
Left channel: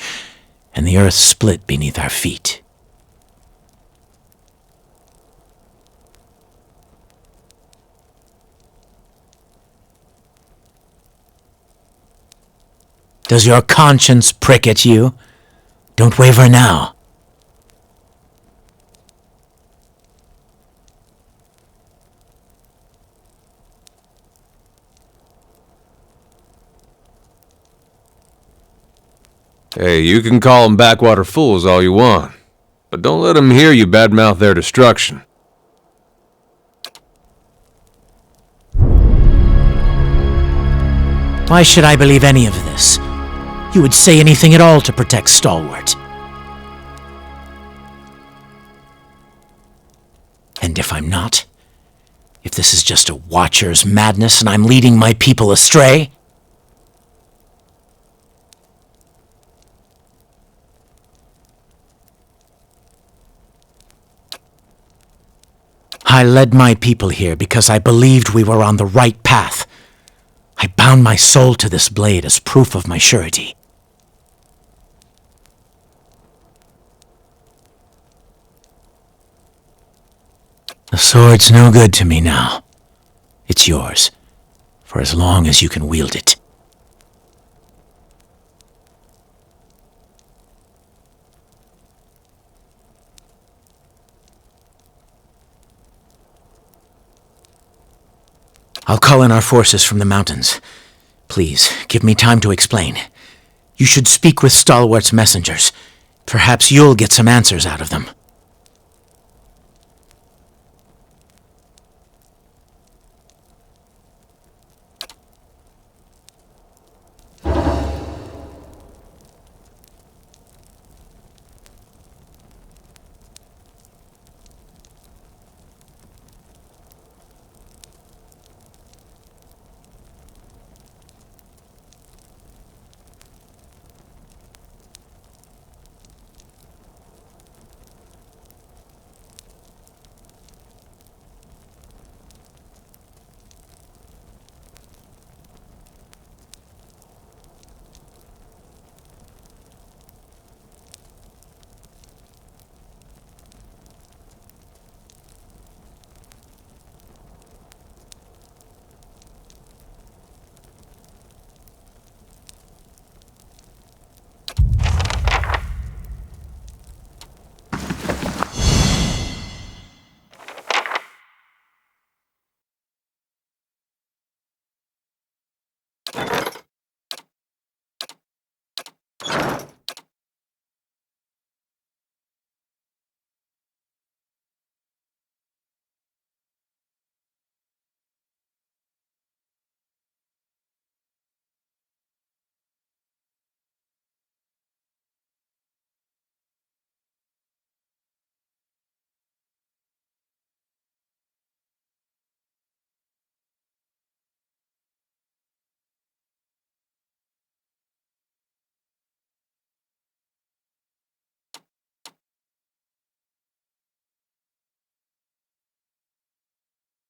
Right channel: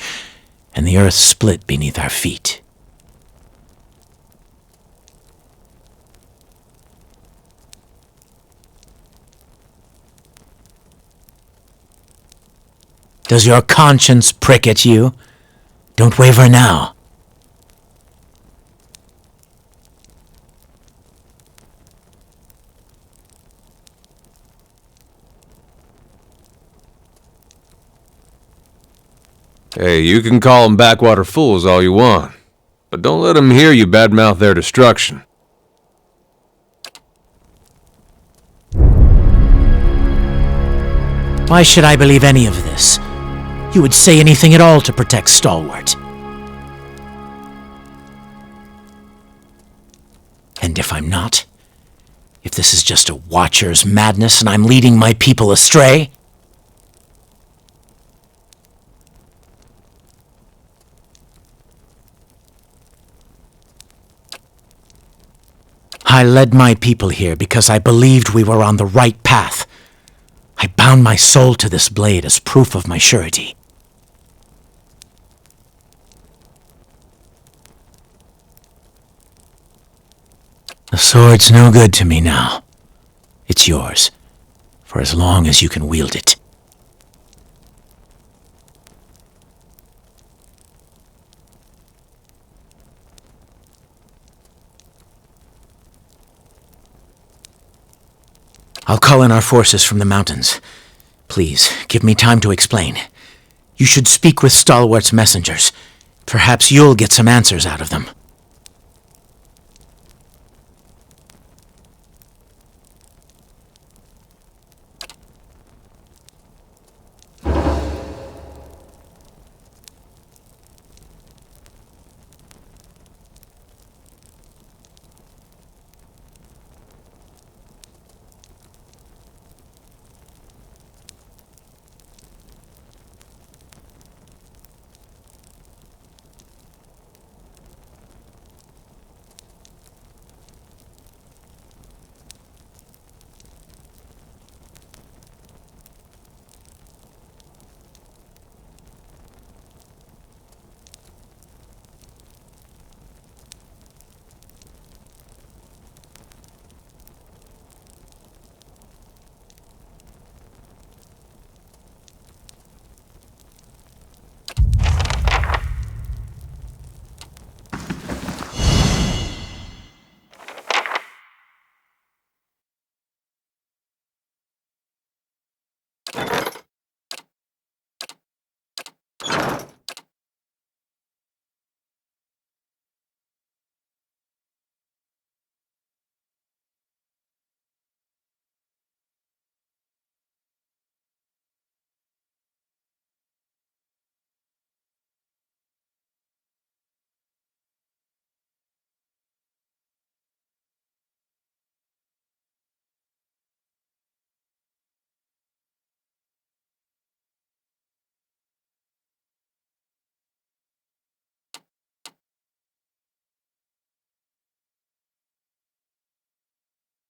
and the earth split beneath our feet. Does your conscience prick at you? Don't waver now. Hey, you can call them backwater fools all you want, but don't let them hear you badmouth their destruction. Why should I believe any of this? You would say anything at all to protect Stalwart. And if I'm not? If this is just a Watcher's madness and I'm leading my people astray? I led my people here because I believed we were on the right path. I bound my soul to this blade as proof of my surety. The sword's no good to me now. It's yours, for as long as you can wield it. I'll call in our forces from the mountains. Please, give me time to explain. You should speak with Stalwart's messengers. Perhaps you'll get some answers out of them.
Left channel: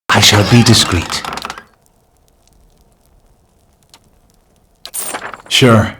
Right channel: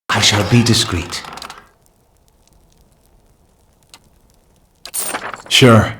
I shall be discreet. Sure.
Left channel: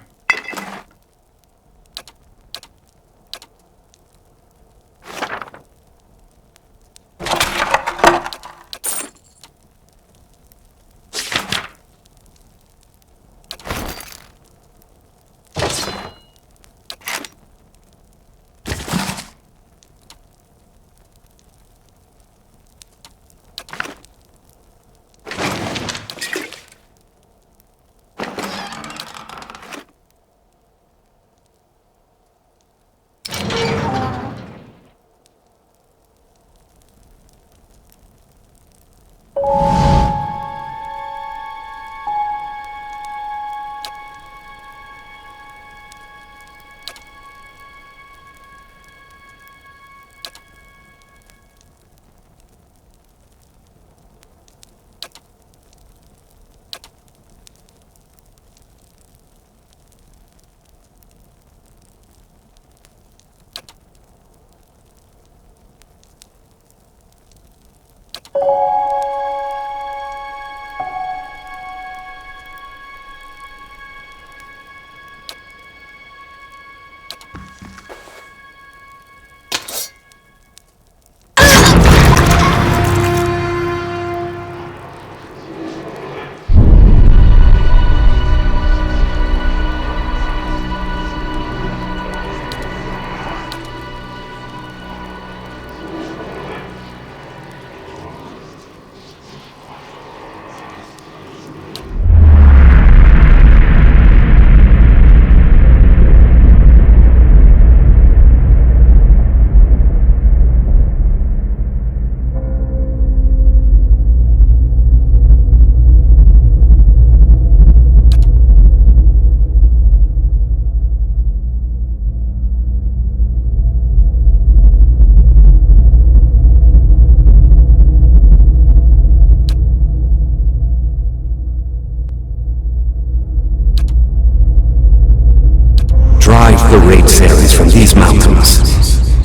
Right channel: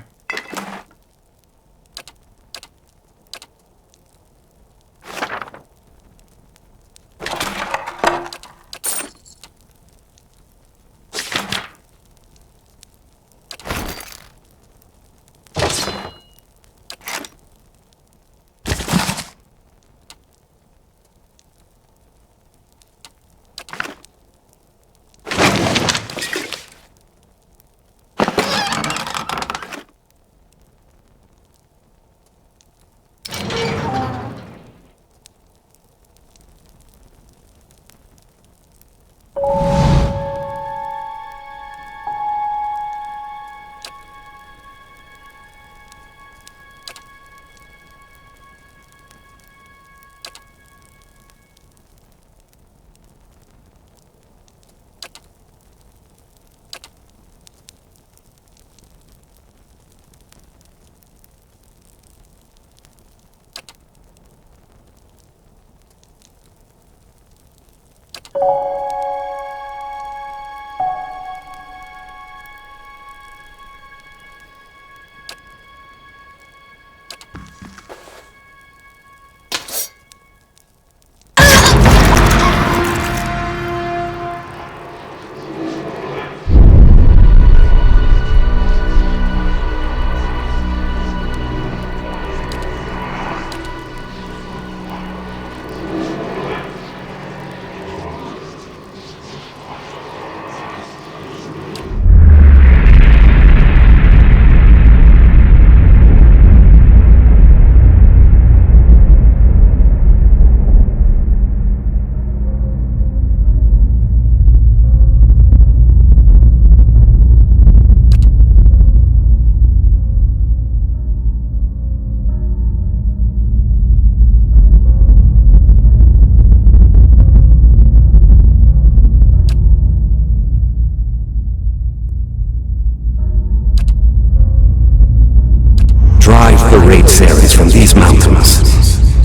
Drive the raid Saries from these mountains,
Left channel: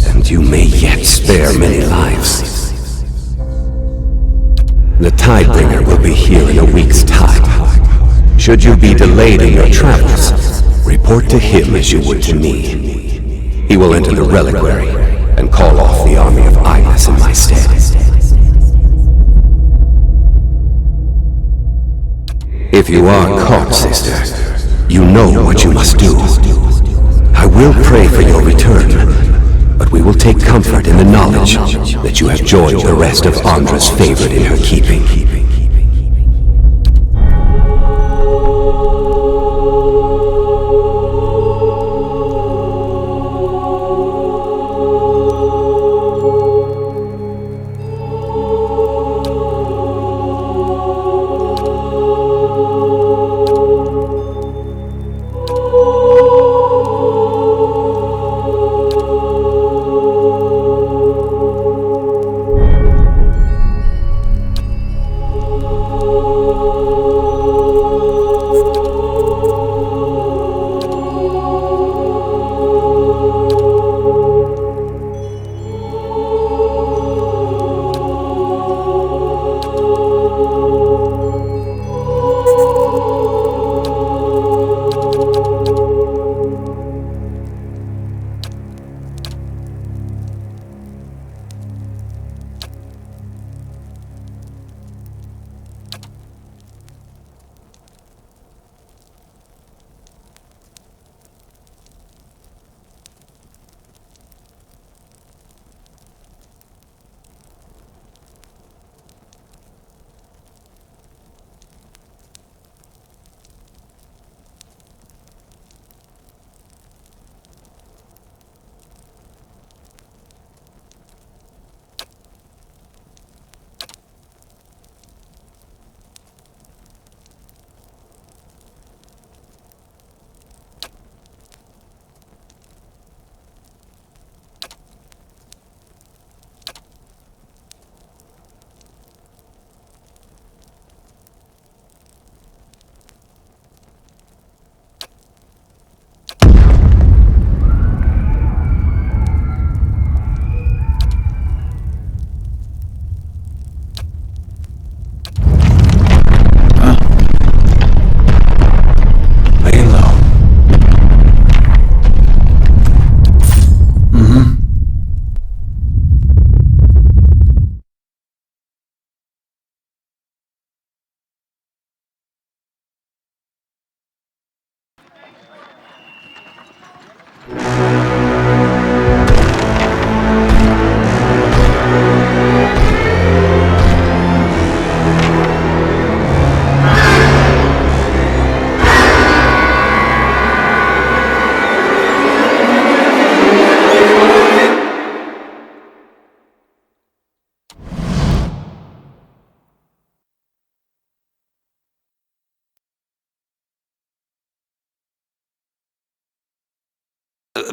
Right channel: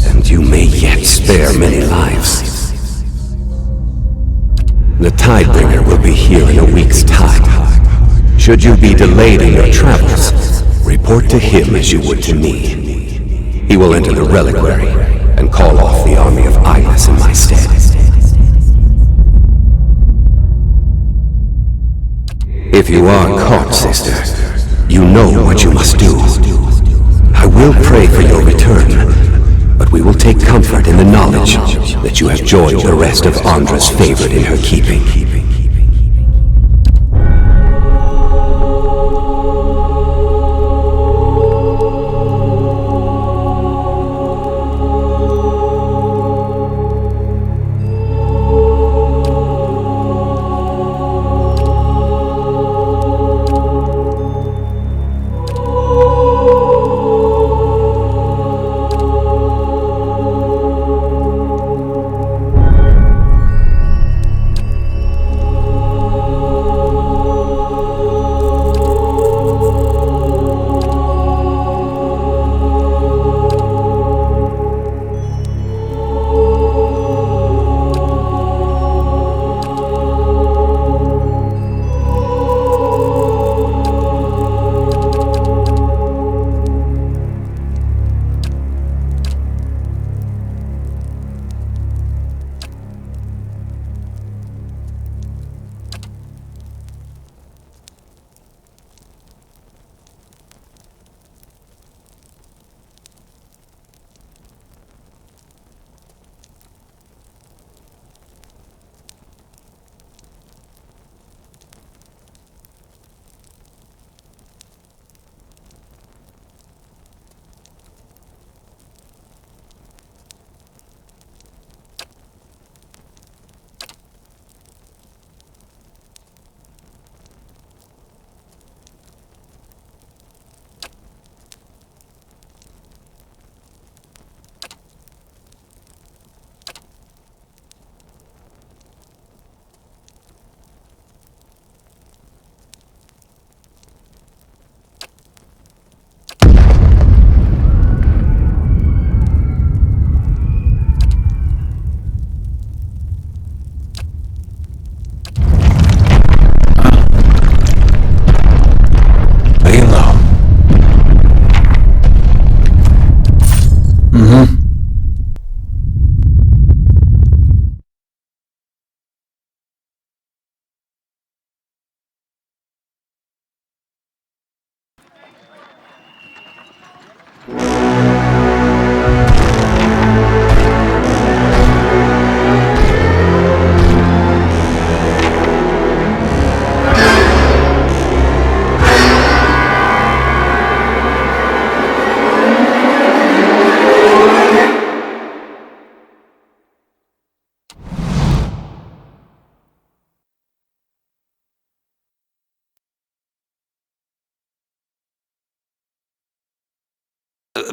and you may yet spare many lives. The Tidebringer will be here in a week's time. Should you be delayed in your travels, report to him as you would to me. He will enter the reliquary and call off the army of Ilas in my stead. If you are caught, sister, you know what you must do. I will pray for your return, but we will take comfort in the knowledge that you have joined the rest of Andra's favorite in her keeping.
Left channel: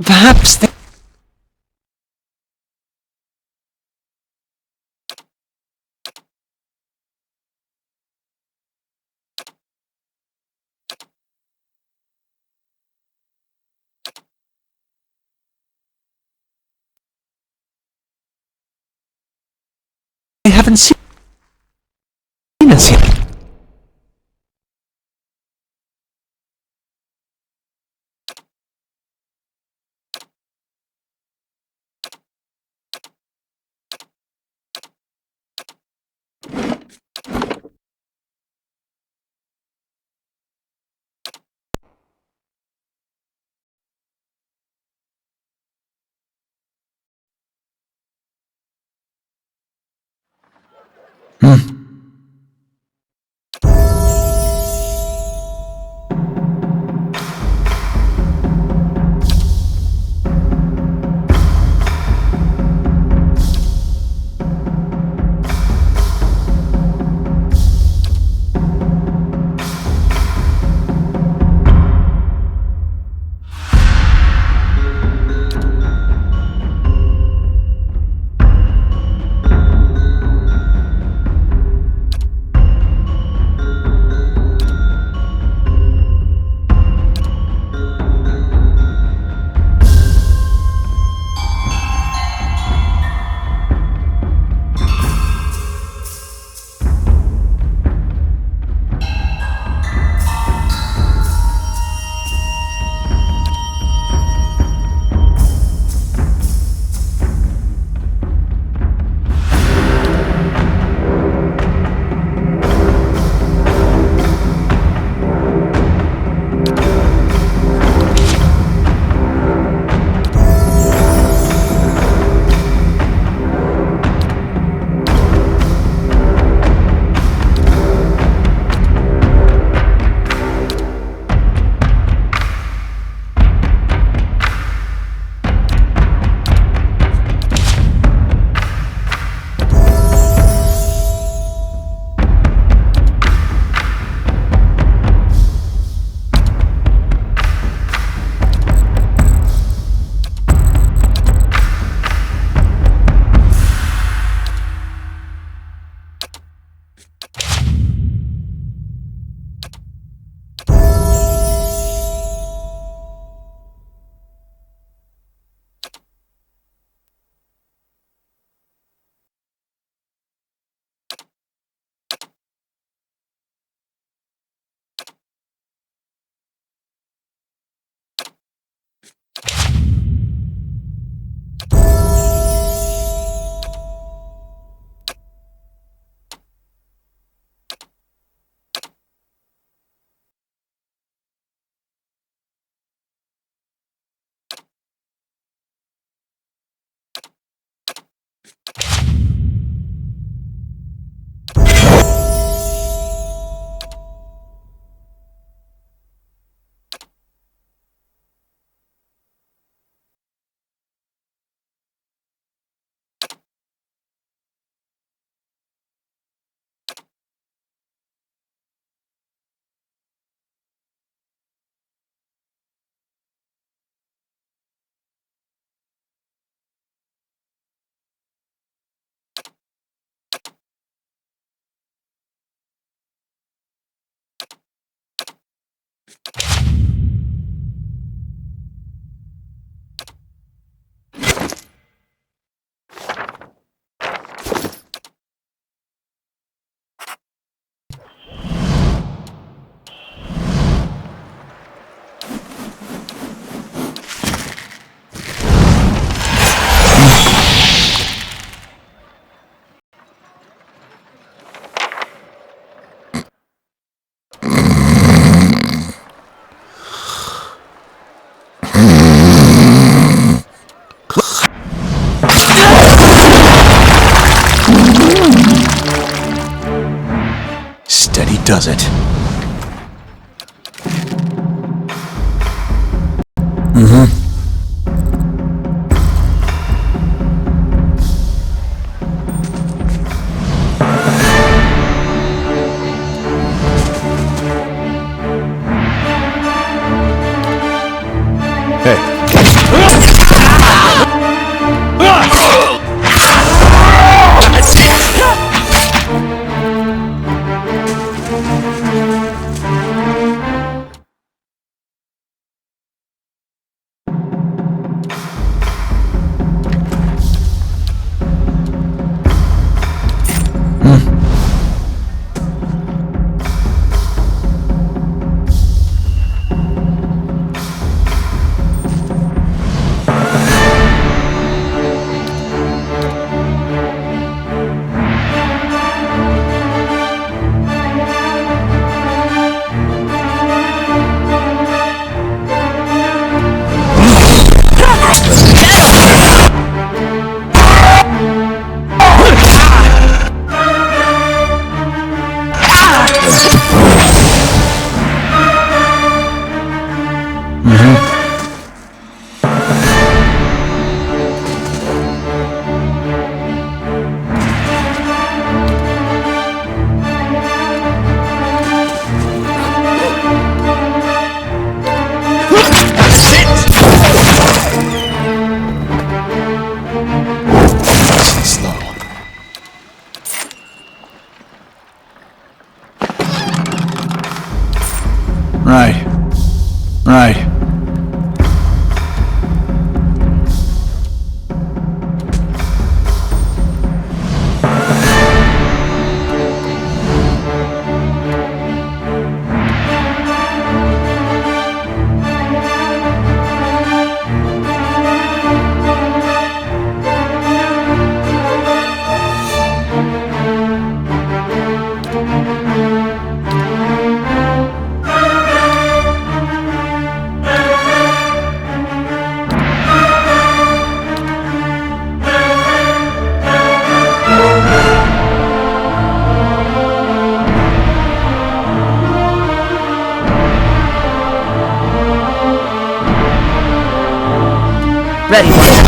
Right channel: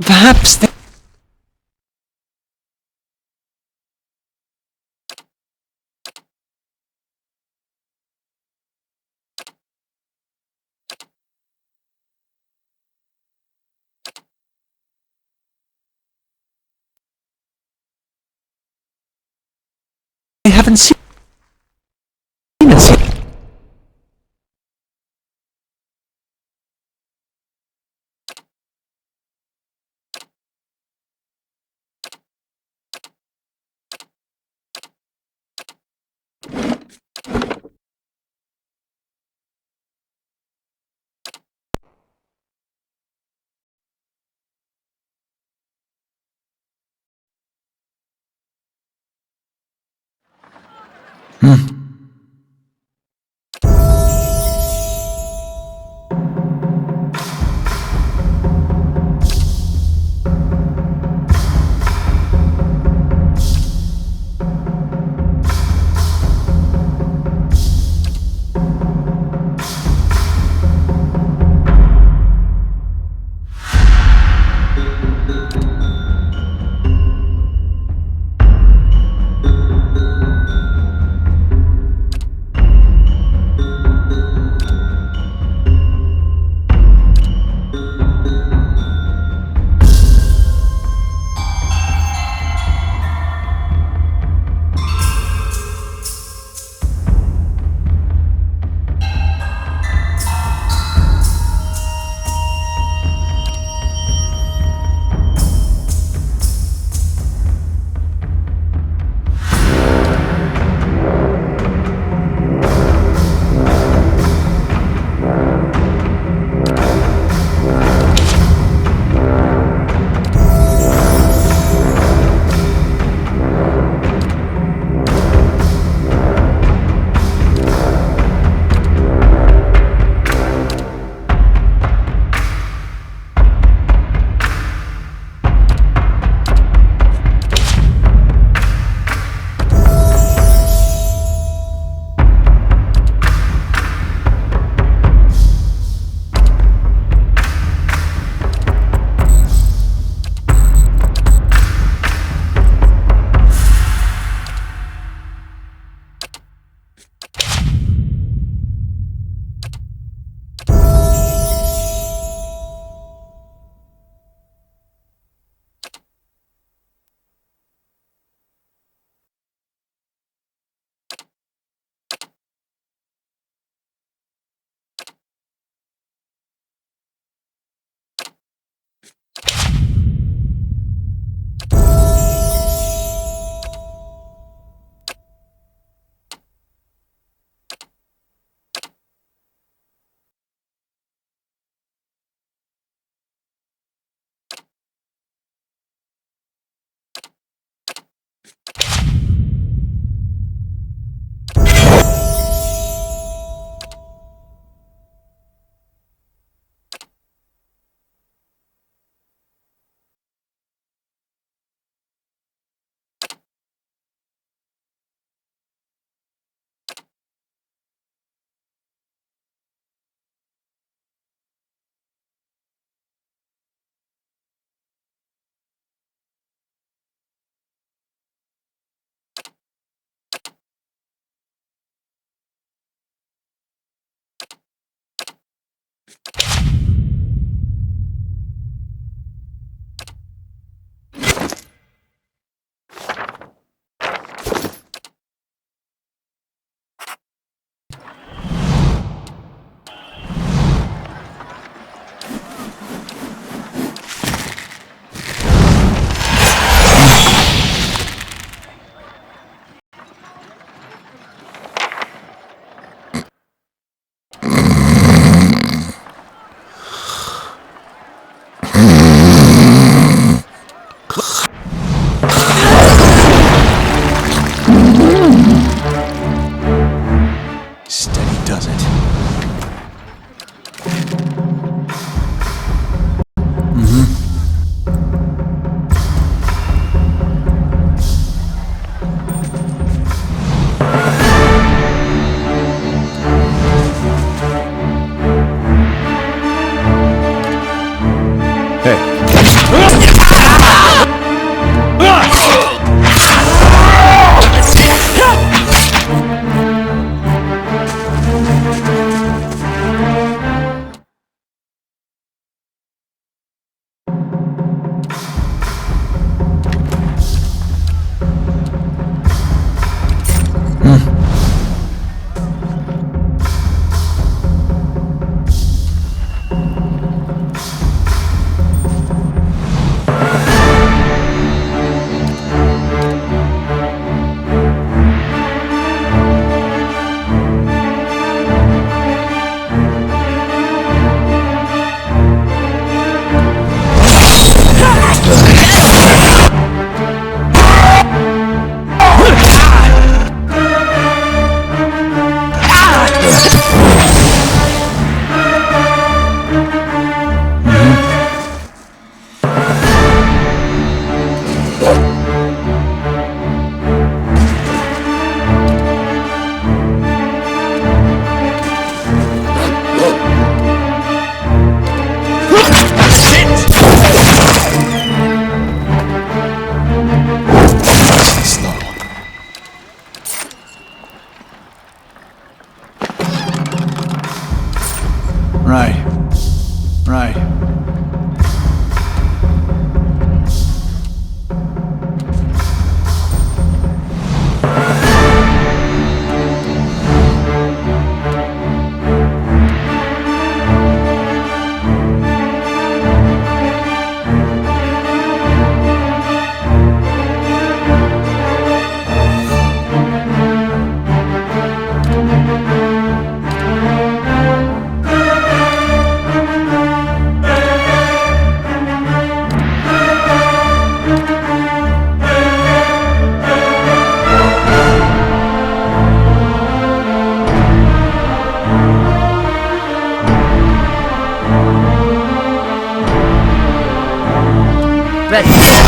Perhaps they... I haven't seen us yet. Steady does it. Right. Right. Ready.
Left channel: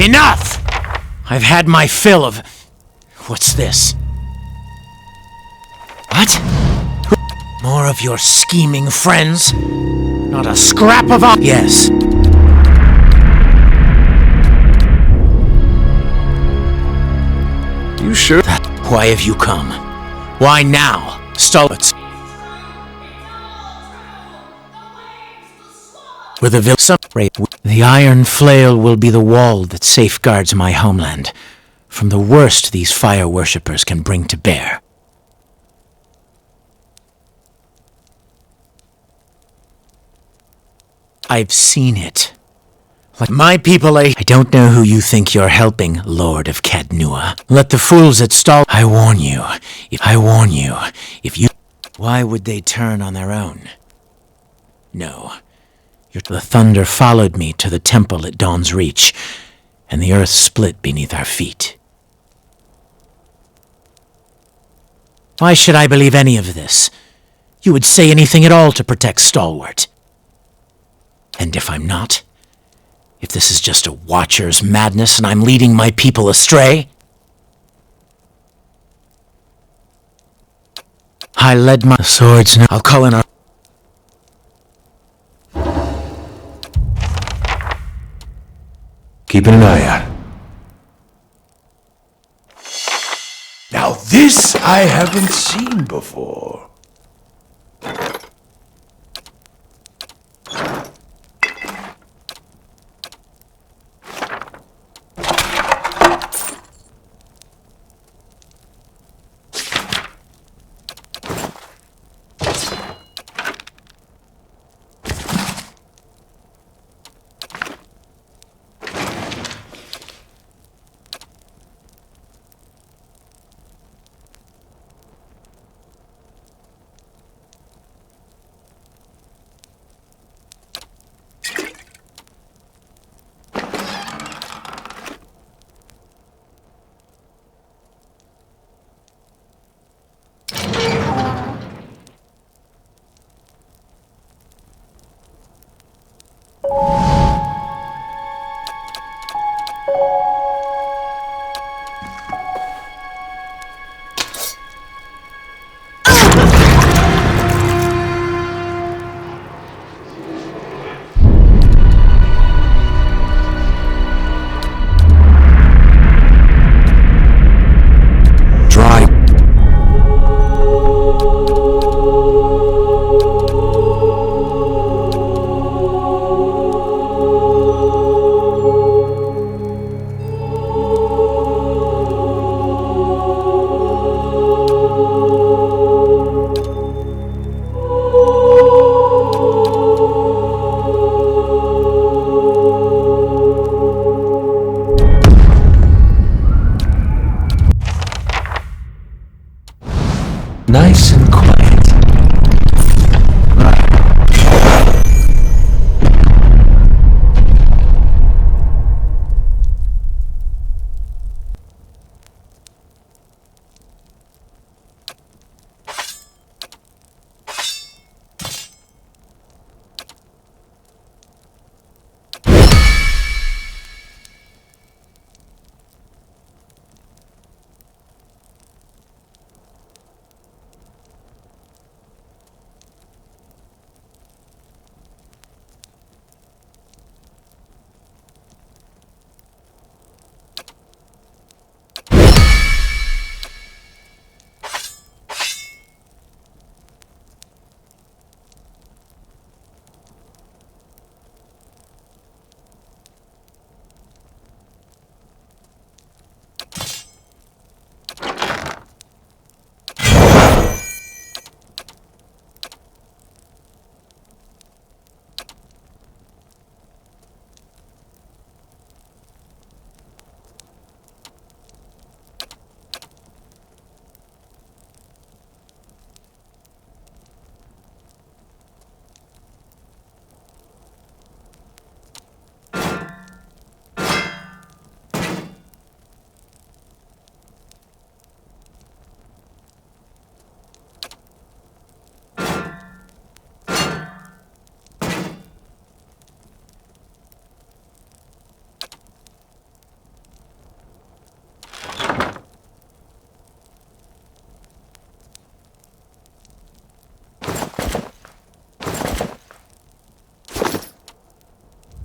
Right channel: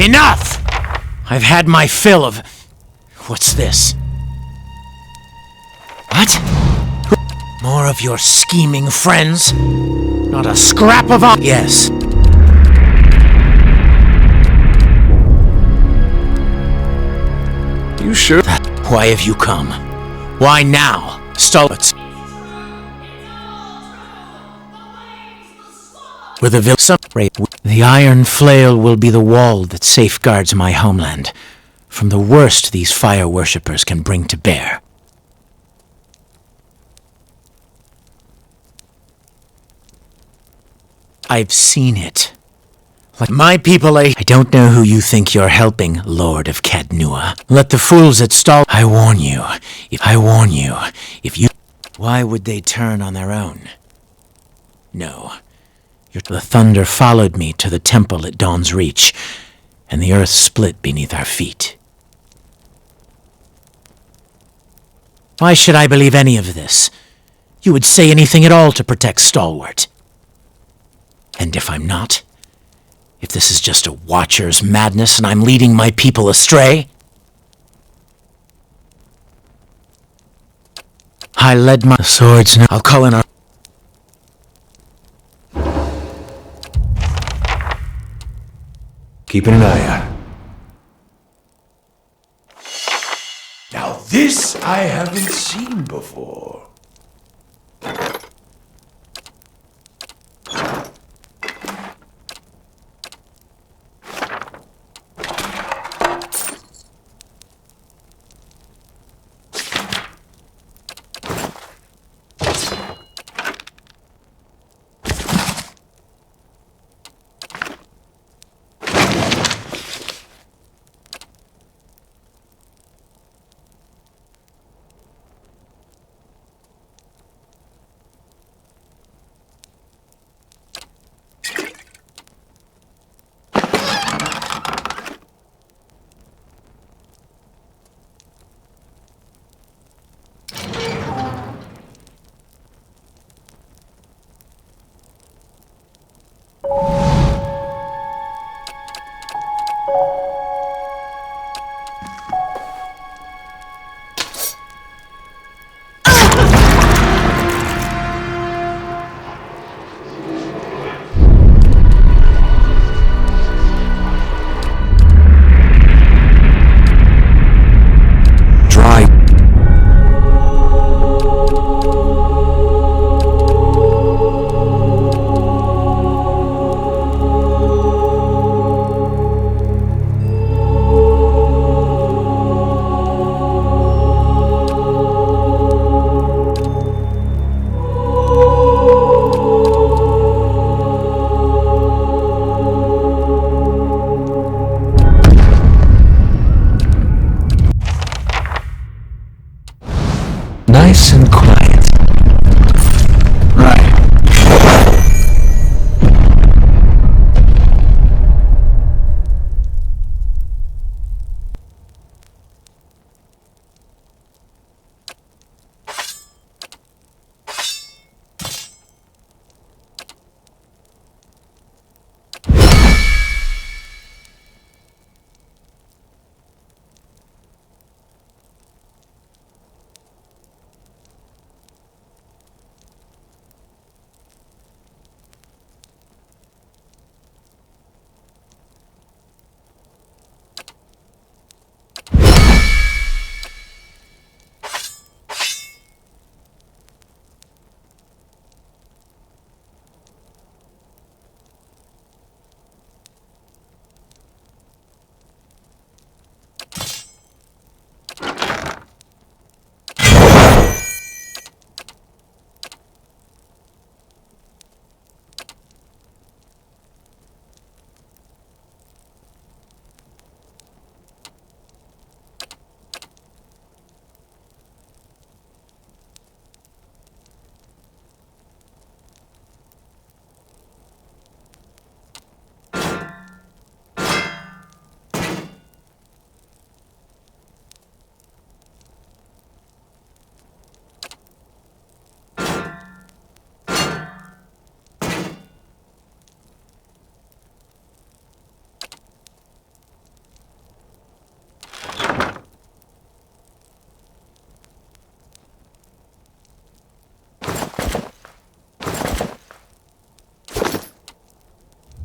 Enough! I've had my fill of... What's this? What? More of your scheming friends? Not a scrap of... Yes. You sure? Why have you come? Why now? Stolitz. with a the iron flail will be the wall that safeguards my homeland from the worst these fire worshippers can bring to bear. I've seen it. Like my people, I don't know who you think you're helping, Lord of Cadnua. Let the fools at Stall... I warn you, if you... Why would they turn on their own? No. The thunder followed me to the temple at Dawn's Reach, and the earth split beneath our feet. Why should I believe any of this? You would say anything at all to protect Stalwart. And if I'm not? If this is just a Watcher's madness and I'm leading my people astray? I led my swords now. I'll call in our... Keeping an eye out. Now this I haven't seen before. Nice and quiet. Right.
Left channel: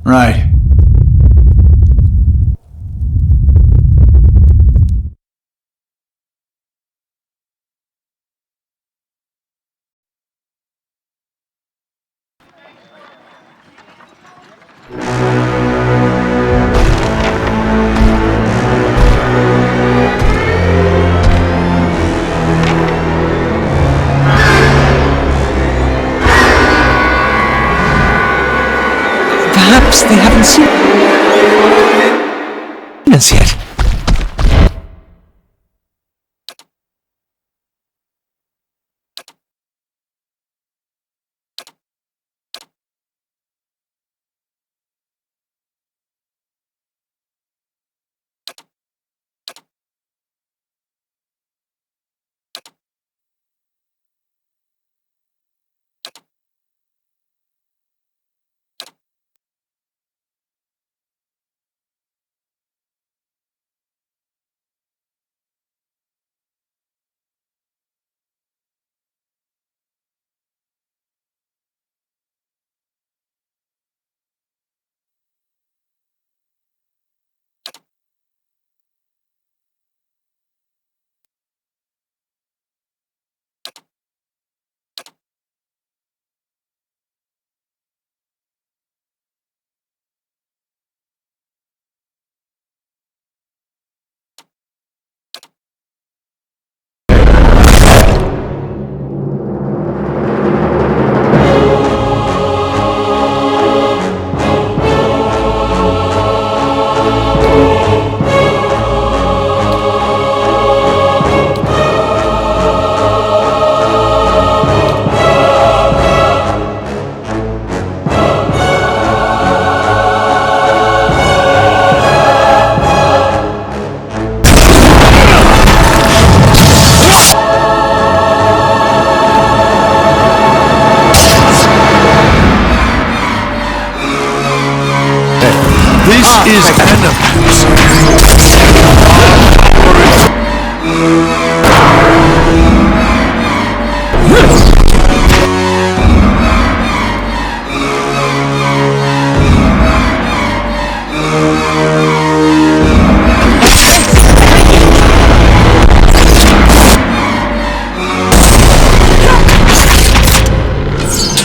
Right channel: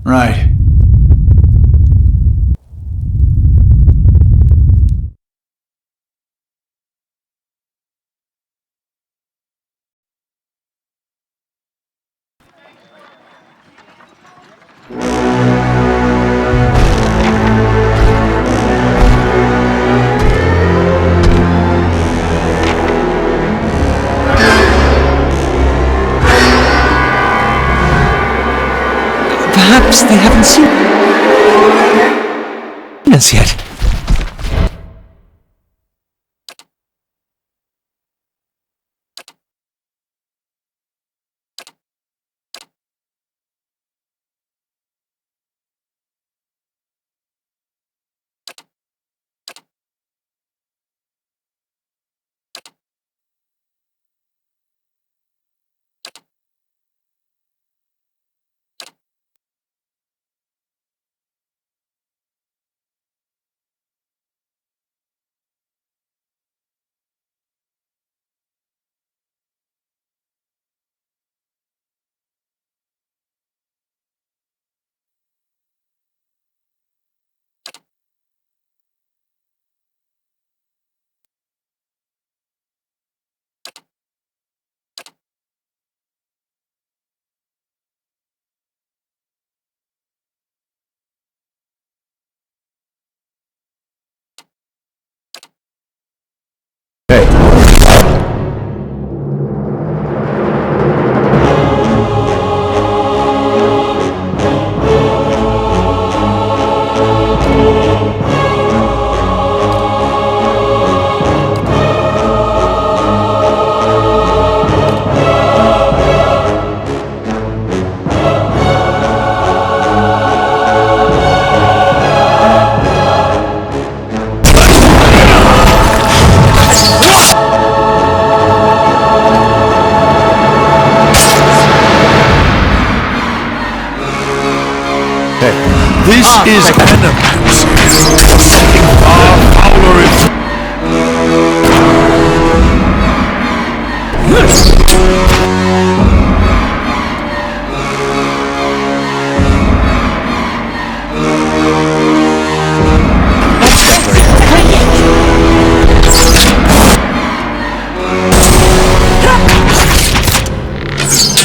Right. Perhaps they haven't seen us yet. This is Animals.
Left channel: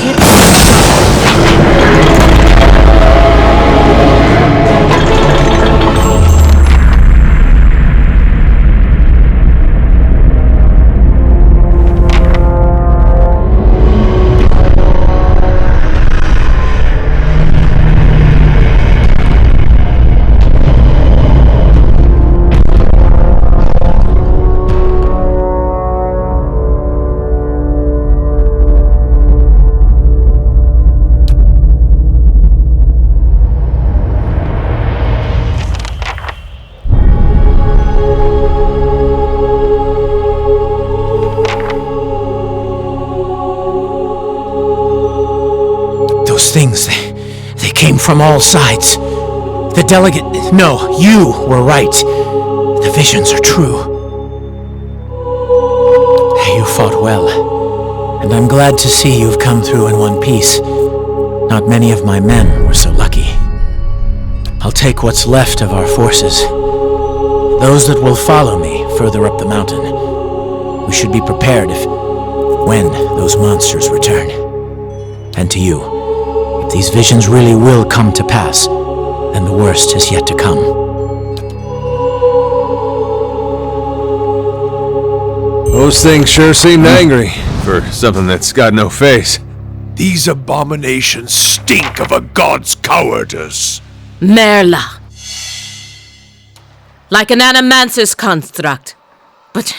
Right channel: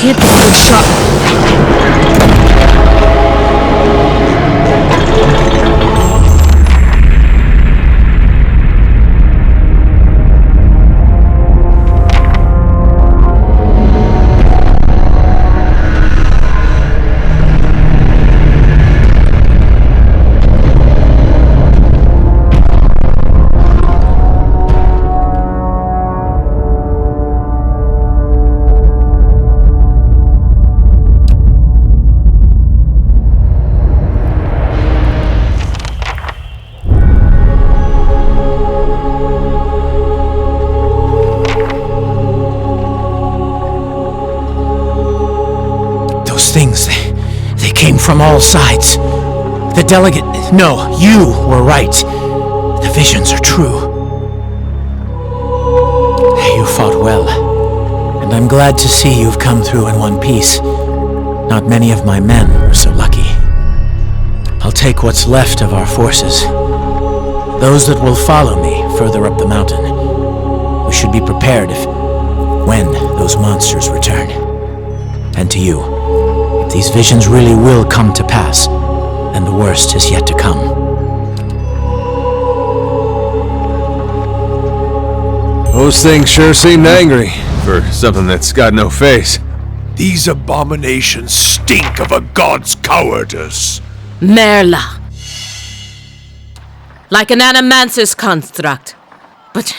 Our power is... Things, they came from all sides. The delegate... No, you were right. The visions are true. You fought well, and I'm glad to see you've come through in one piece. Not many of my men were so lucky. I'll take what's left of our forces. Those that will follow me further up the mountain. We should be prepared when those monsters return. And to you, if these visions really will come to pass, then the worst is yet to come. Those things sure seemed angry for something that's got no face. These abominations stink of a god's cowardice. Merla. Like an animancer's construct. But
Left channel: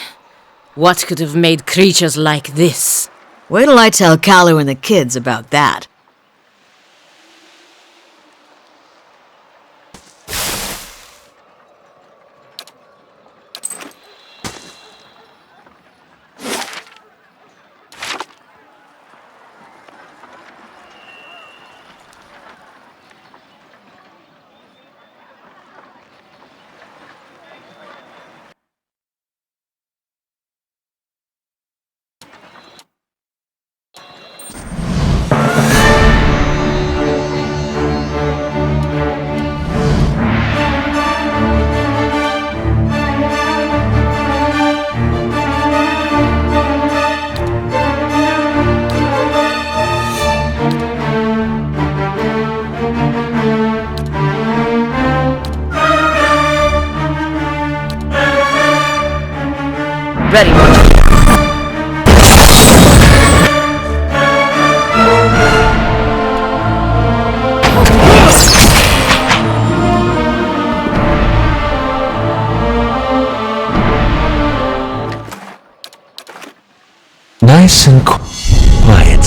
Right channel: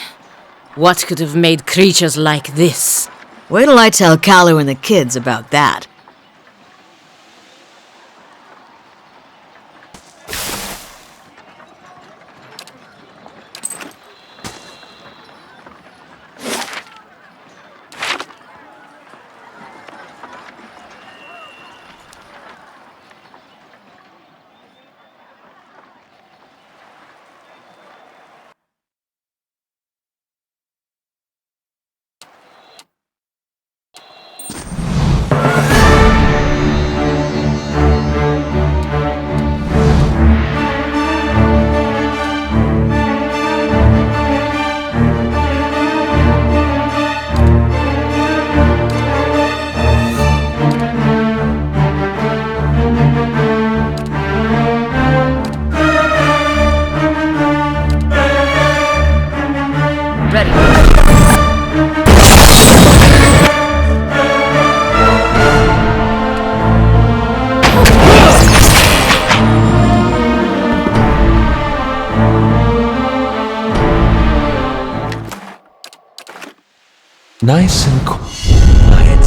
what could have made creatures like this? Wait till I tell Kalu and the kids about that. Ready. Nice and quiet.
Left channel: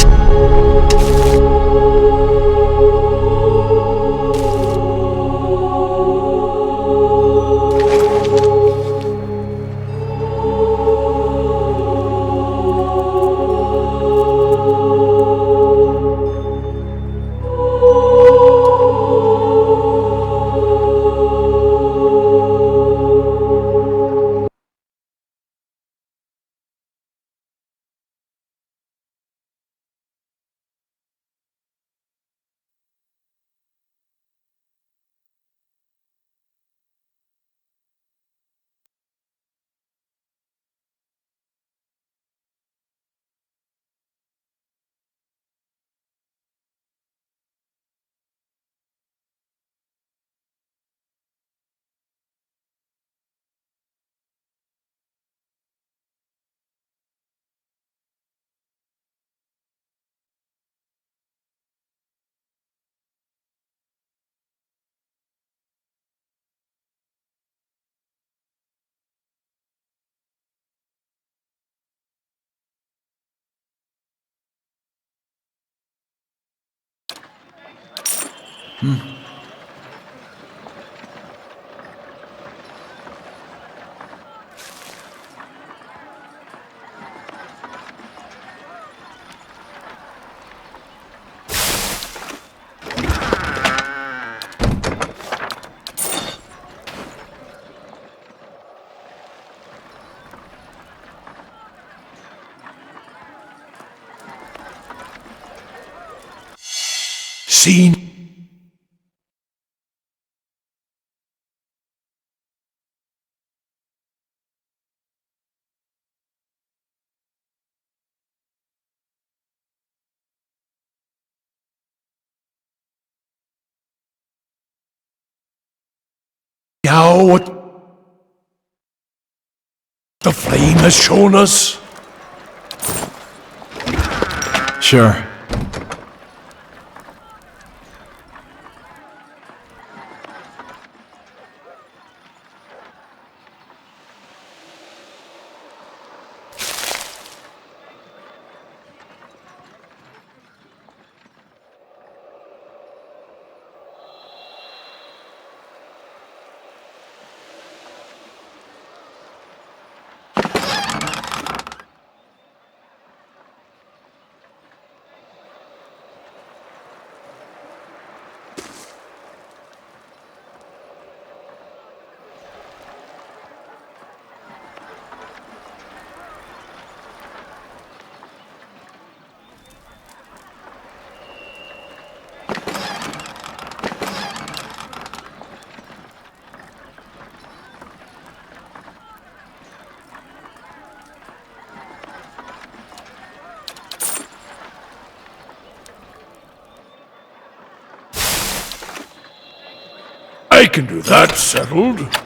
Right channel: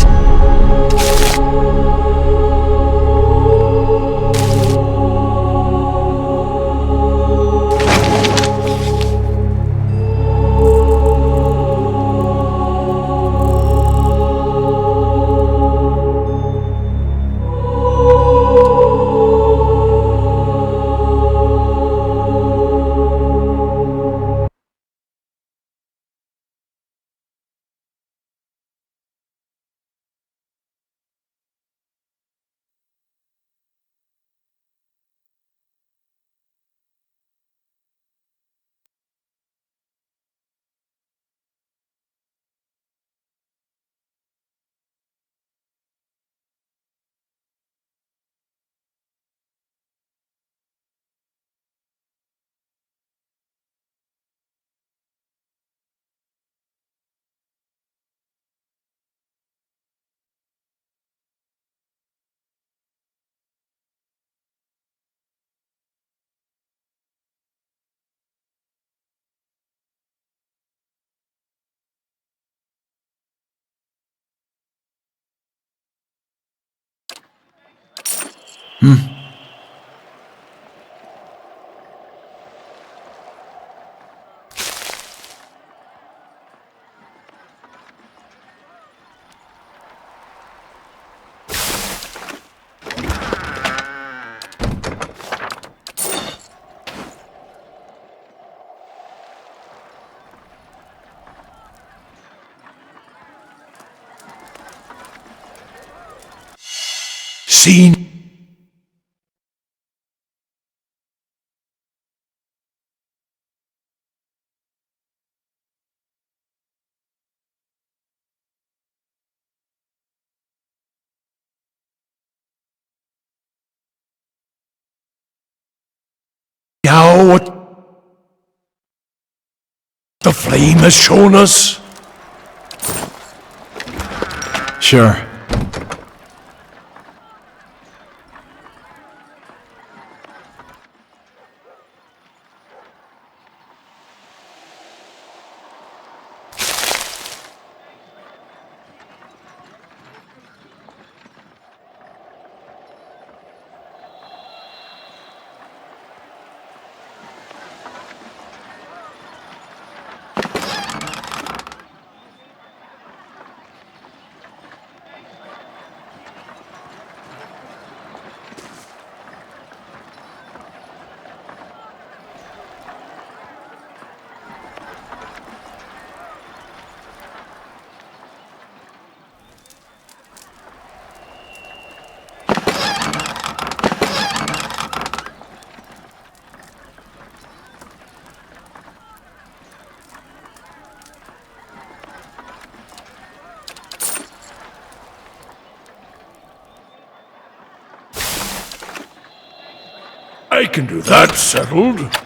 Seen? Now what the flame has shown us? Sure. I can do that, settled.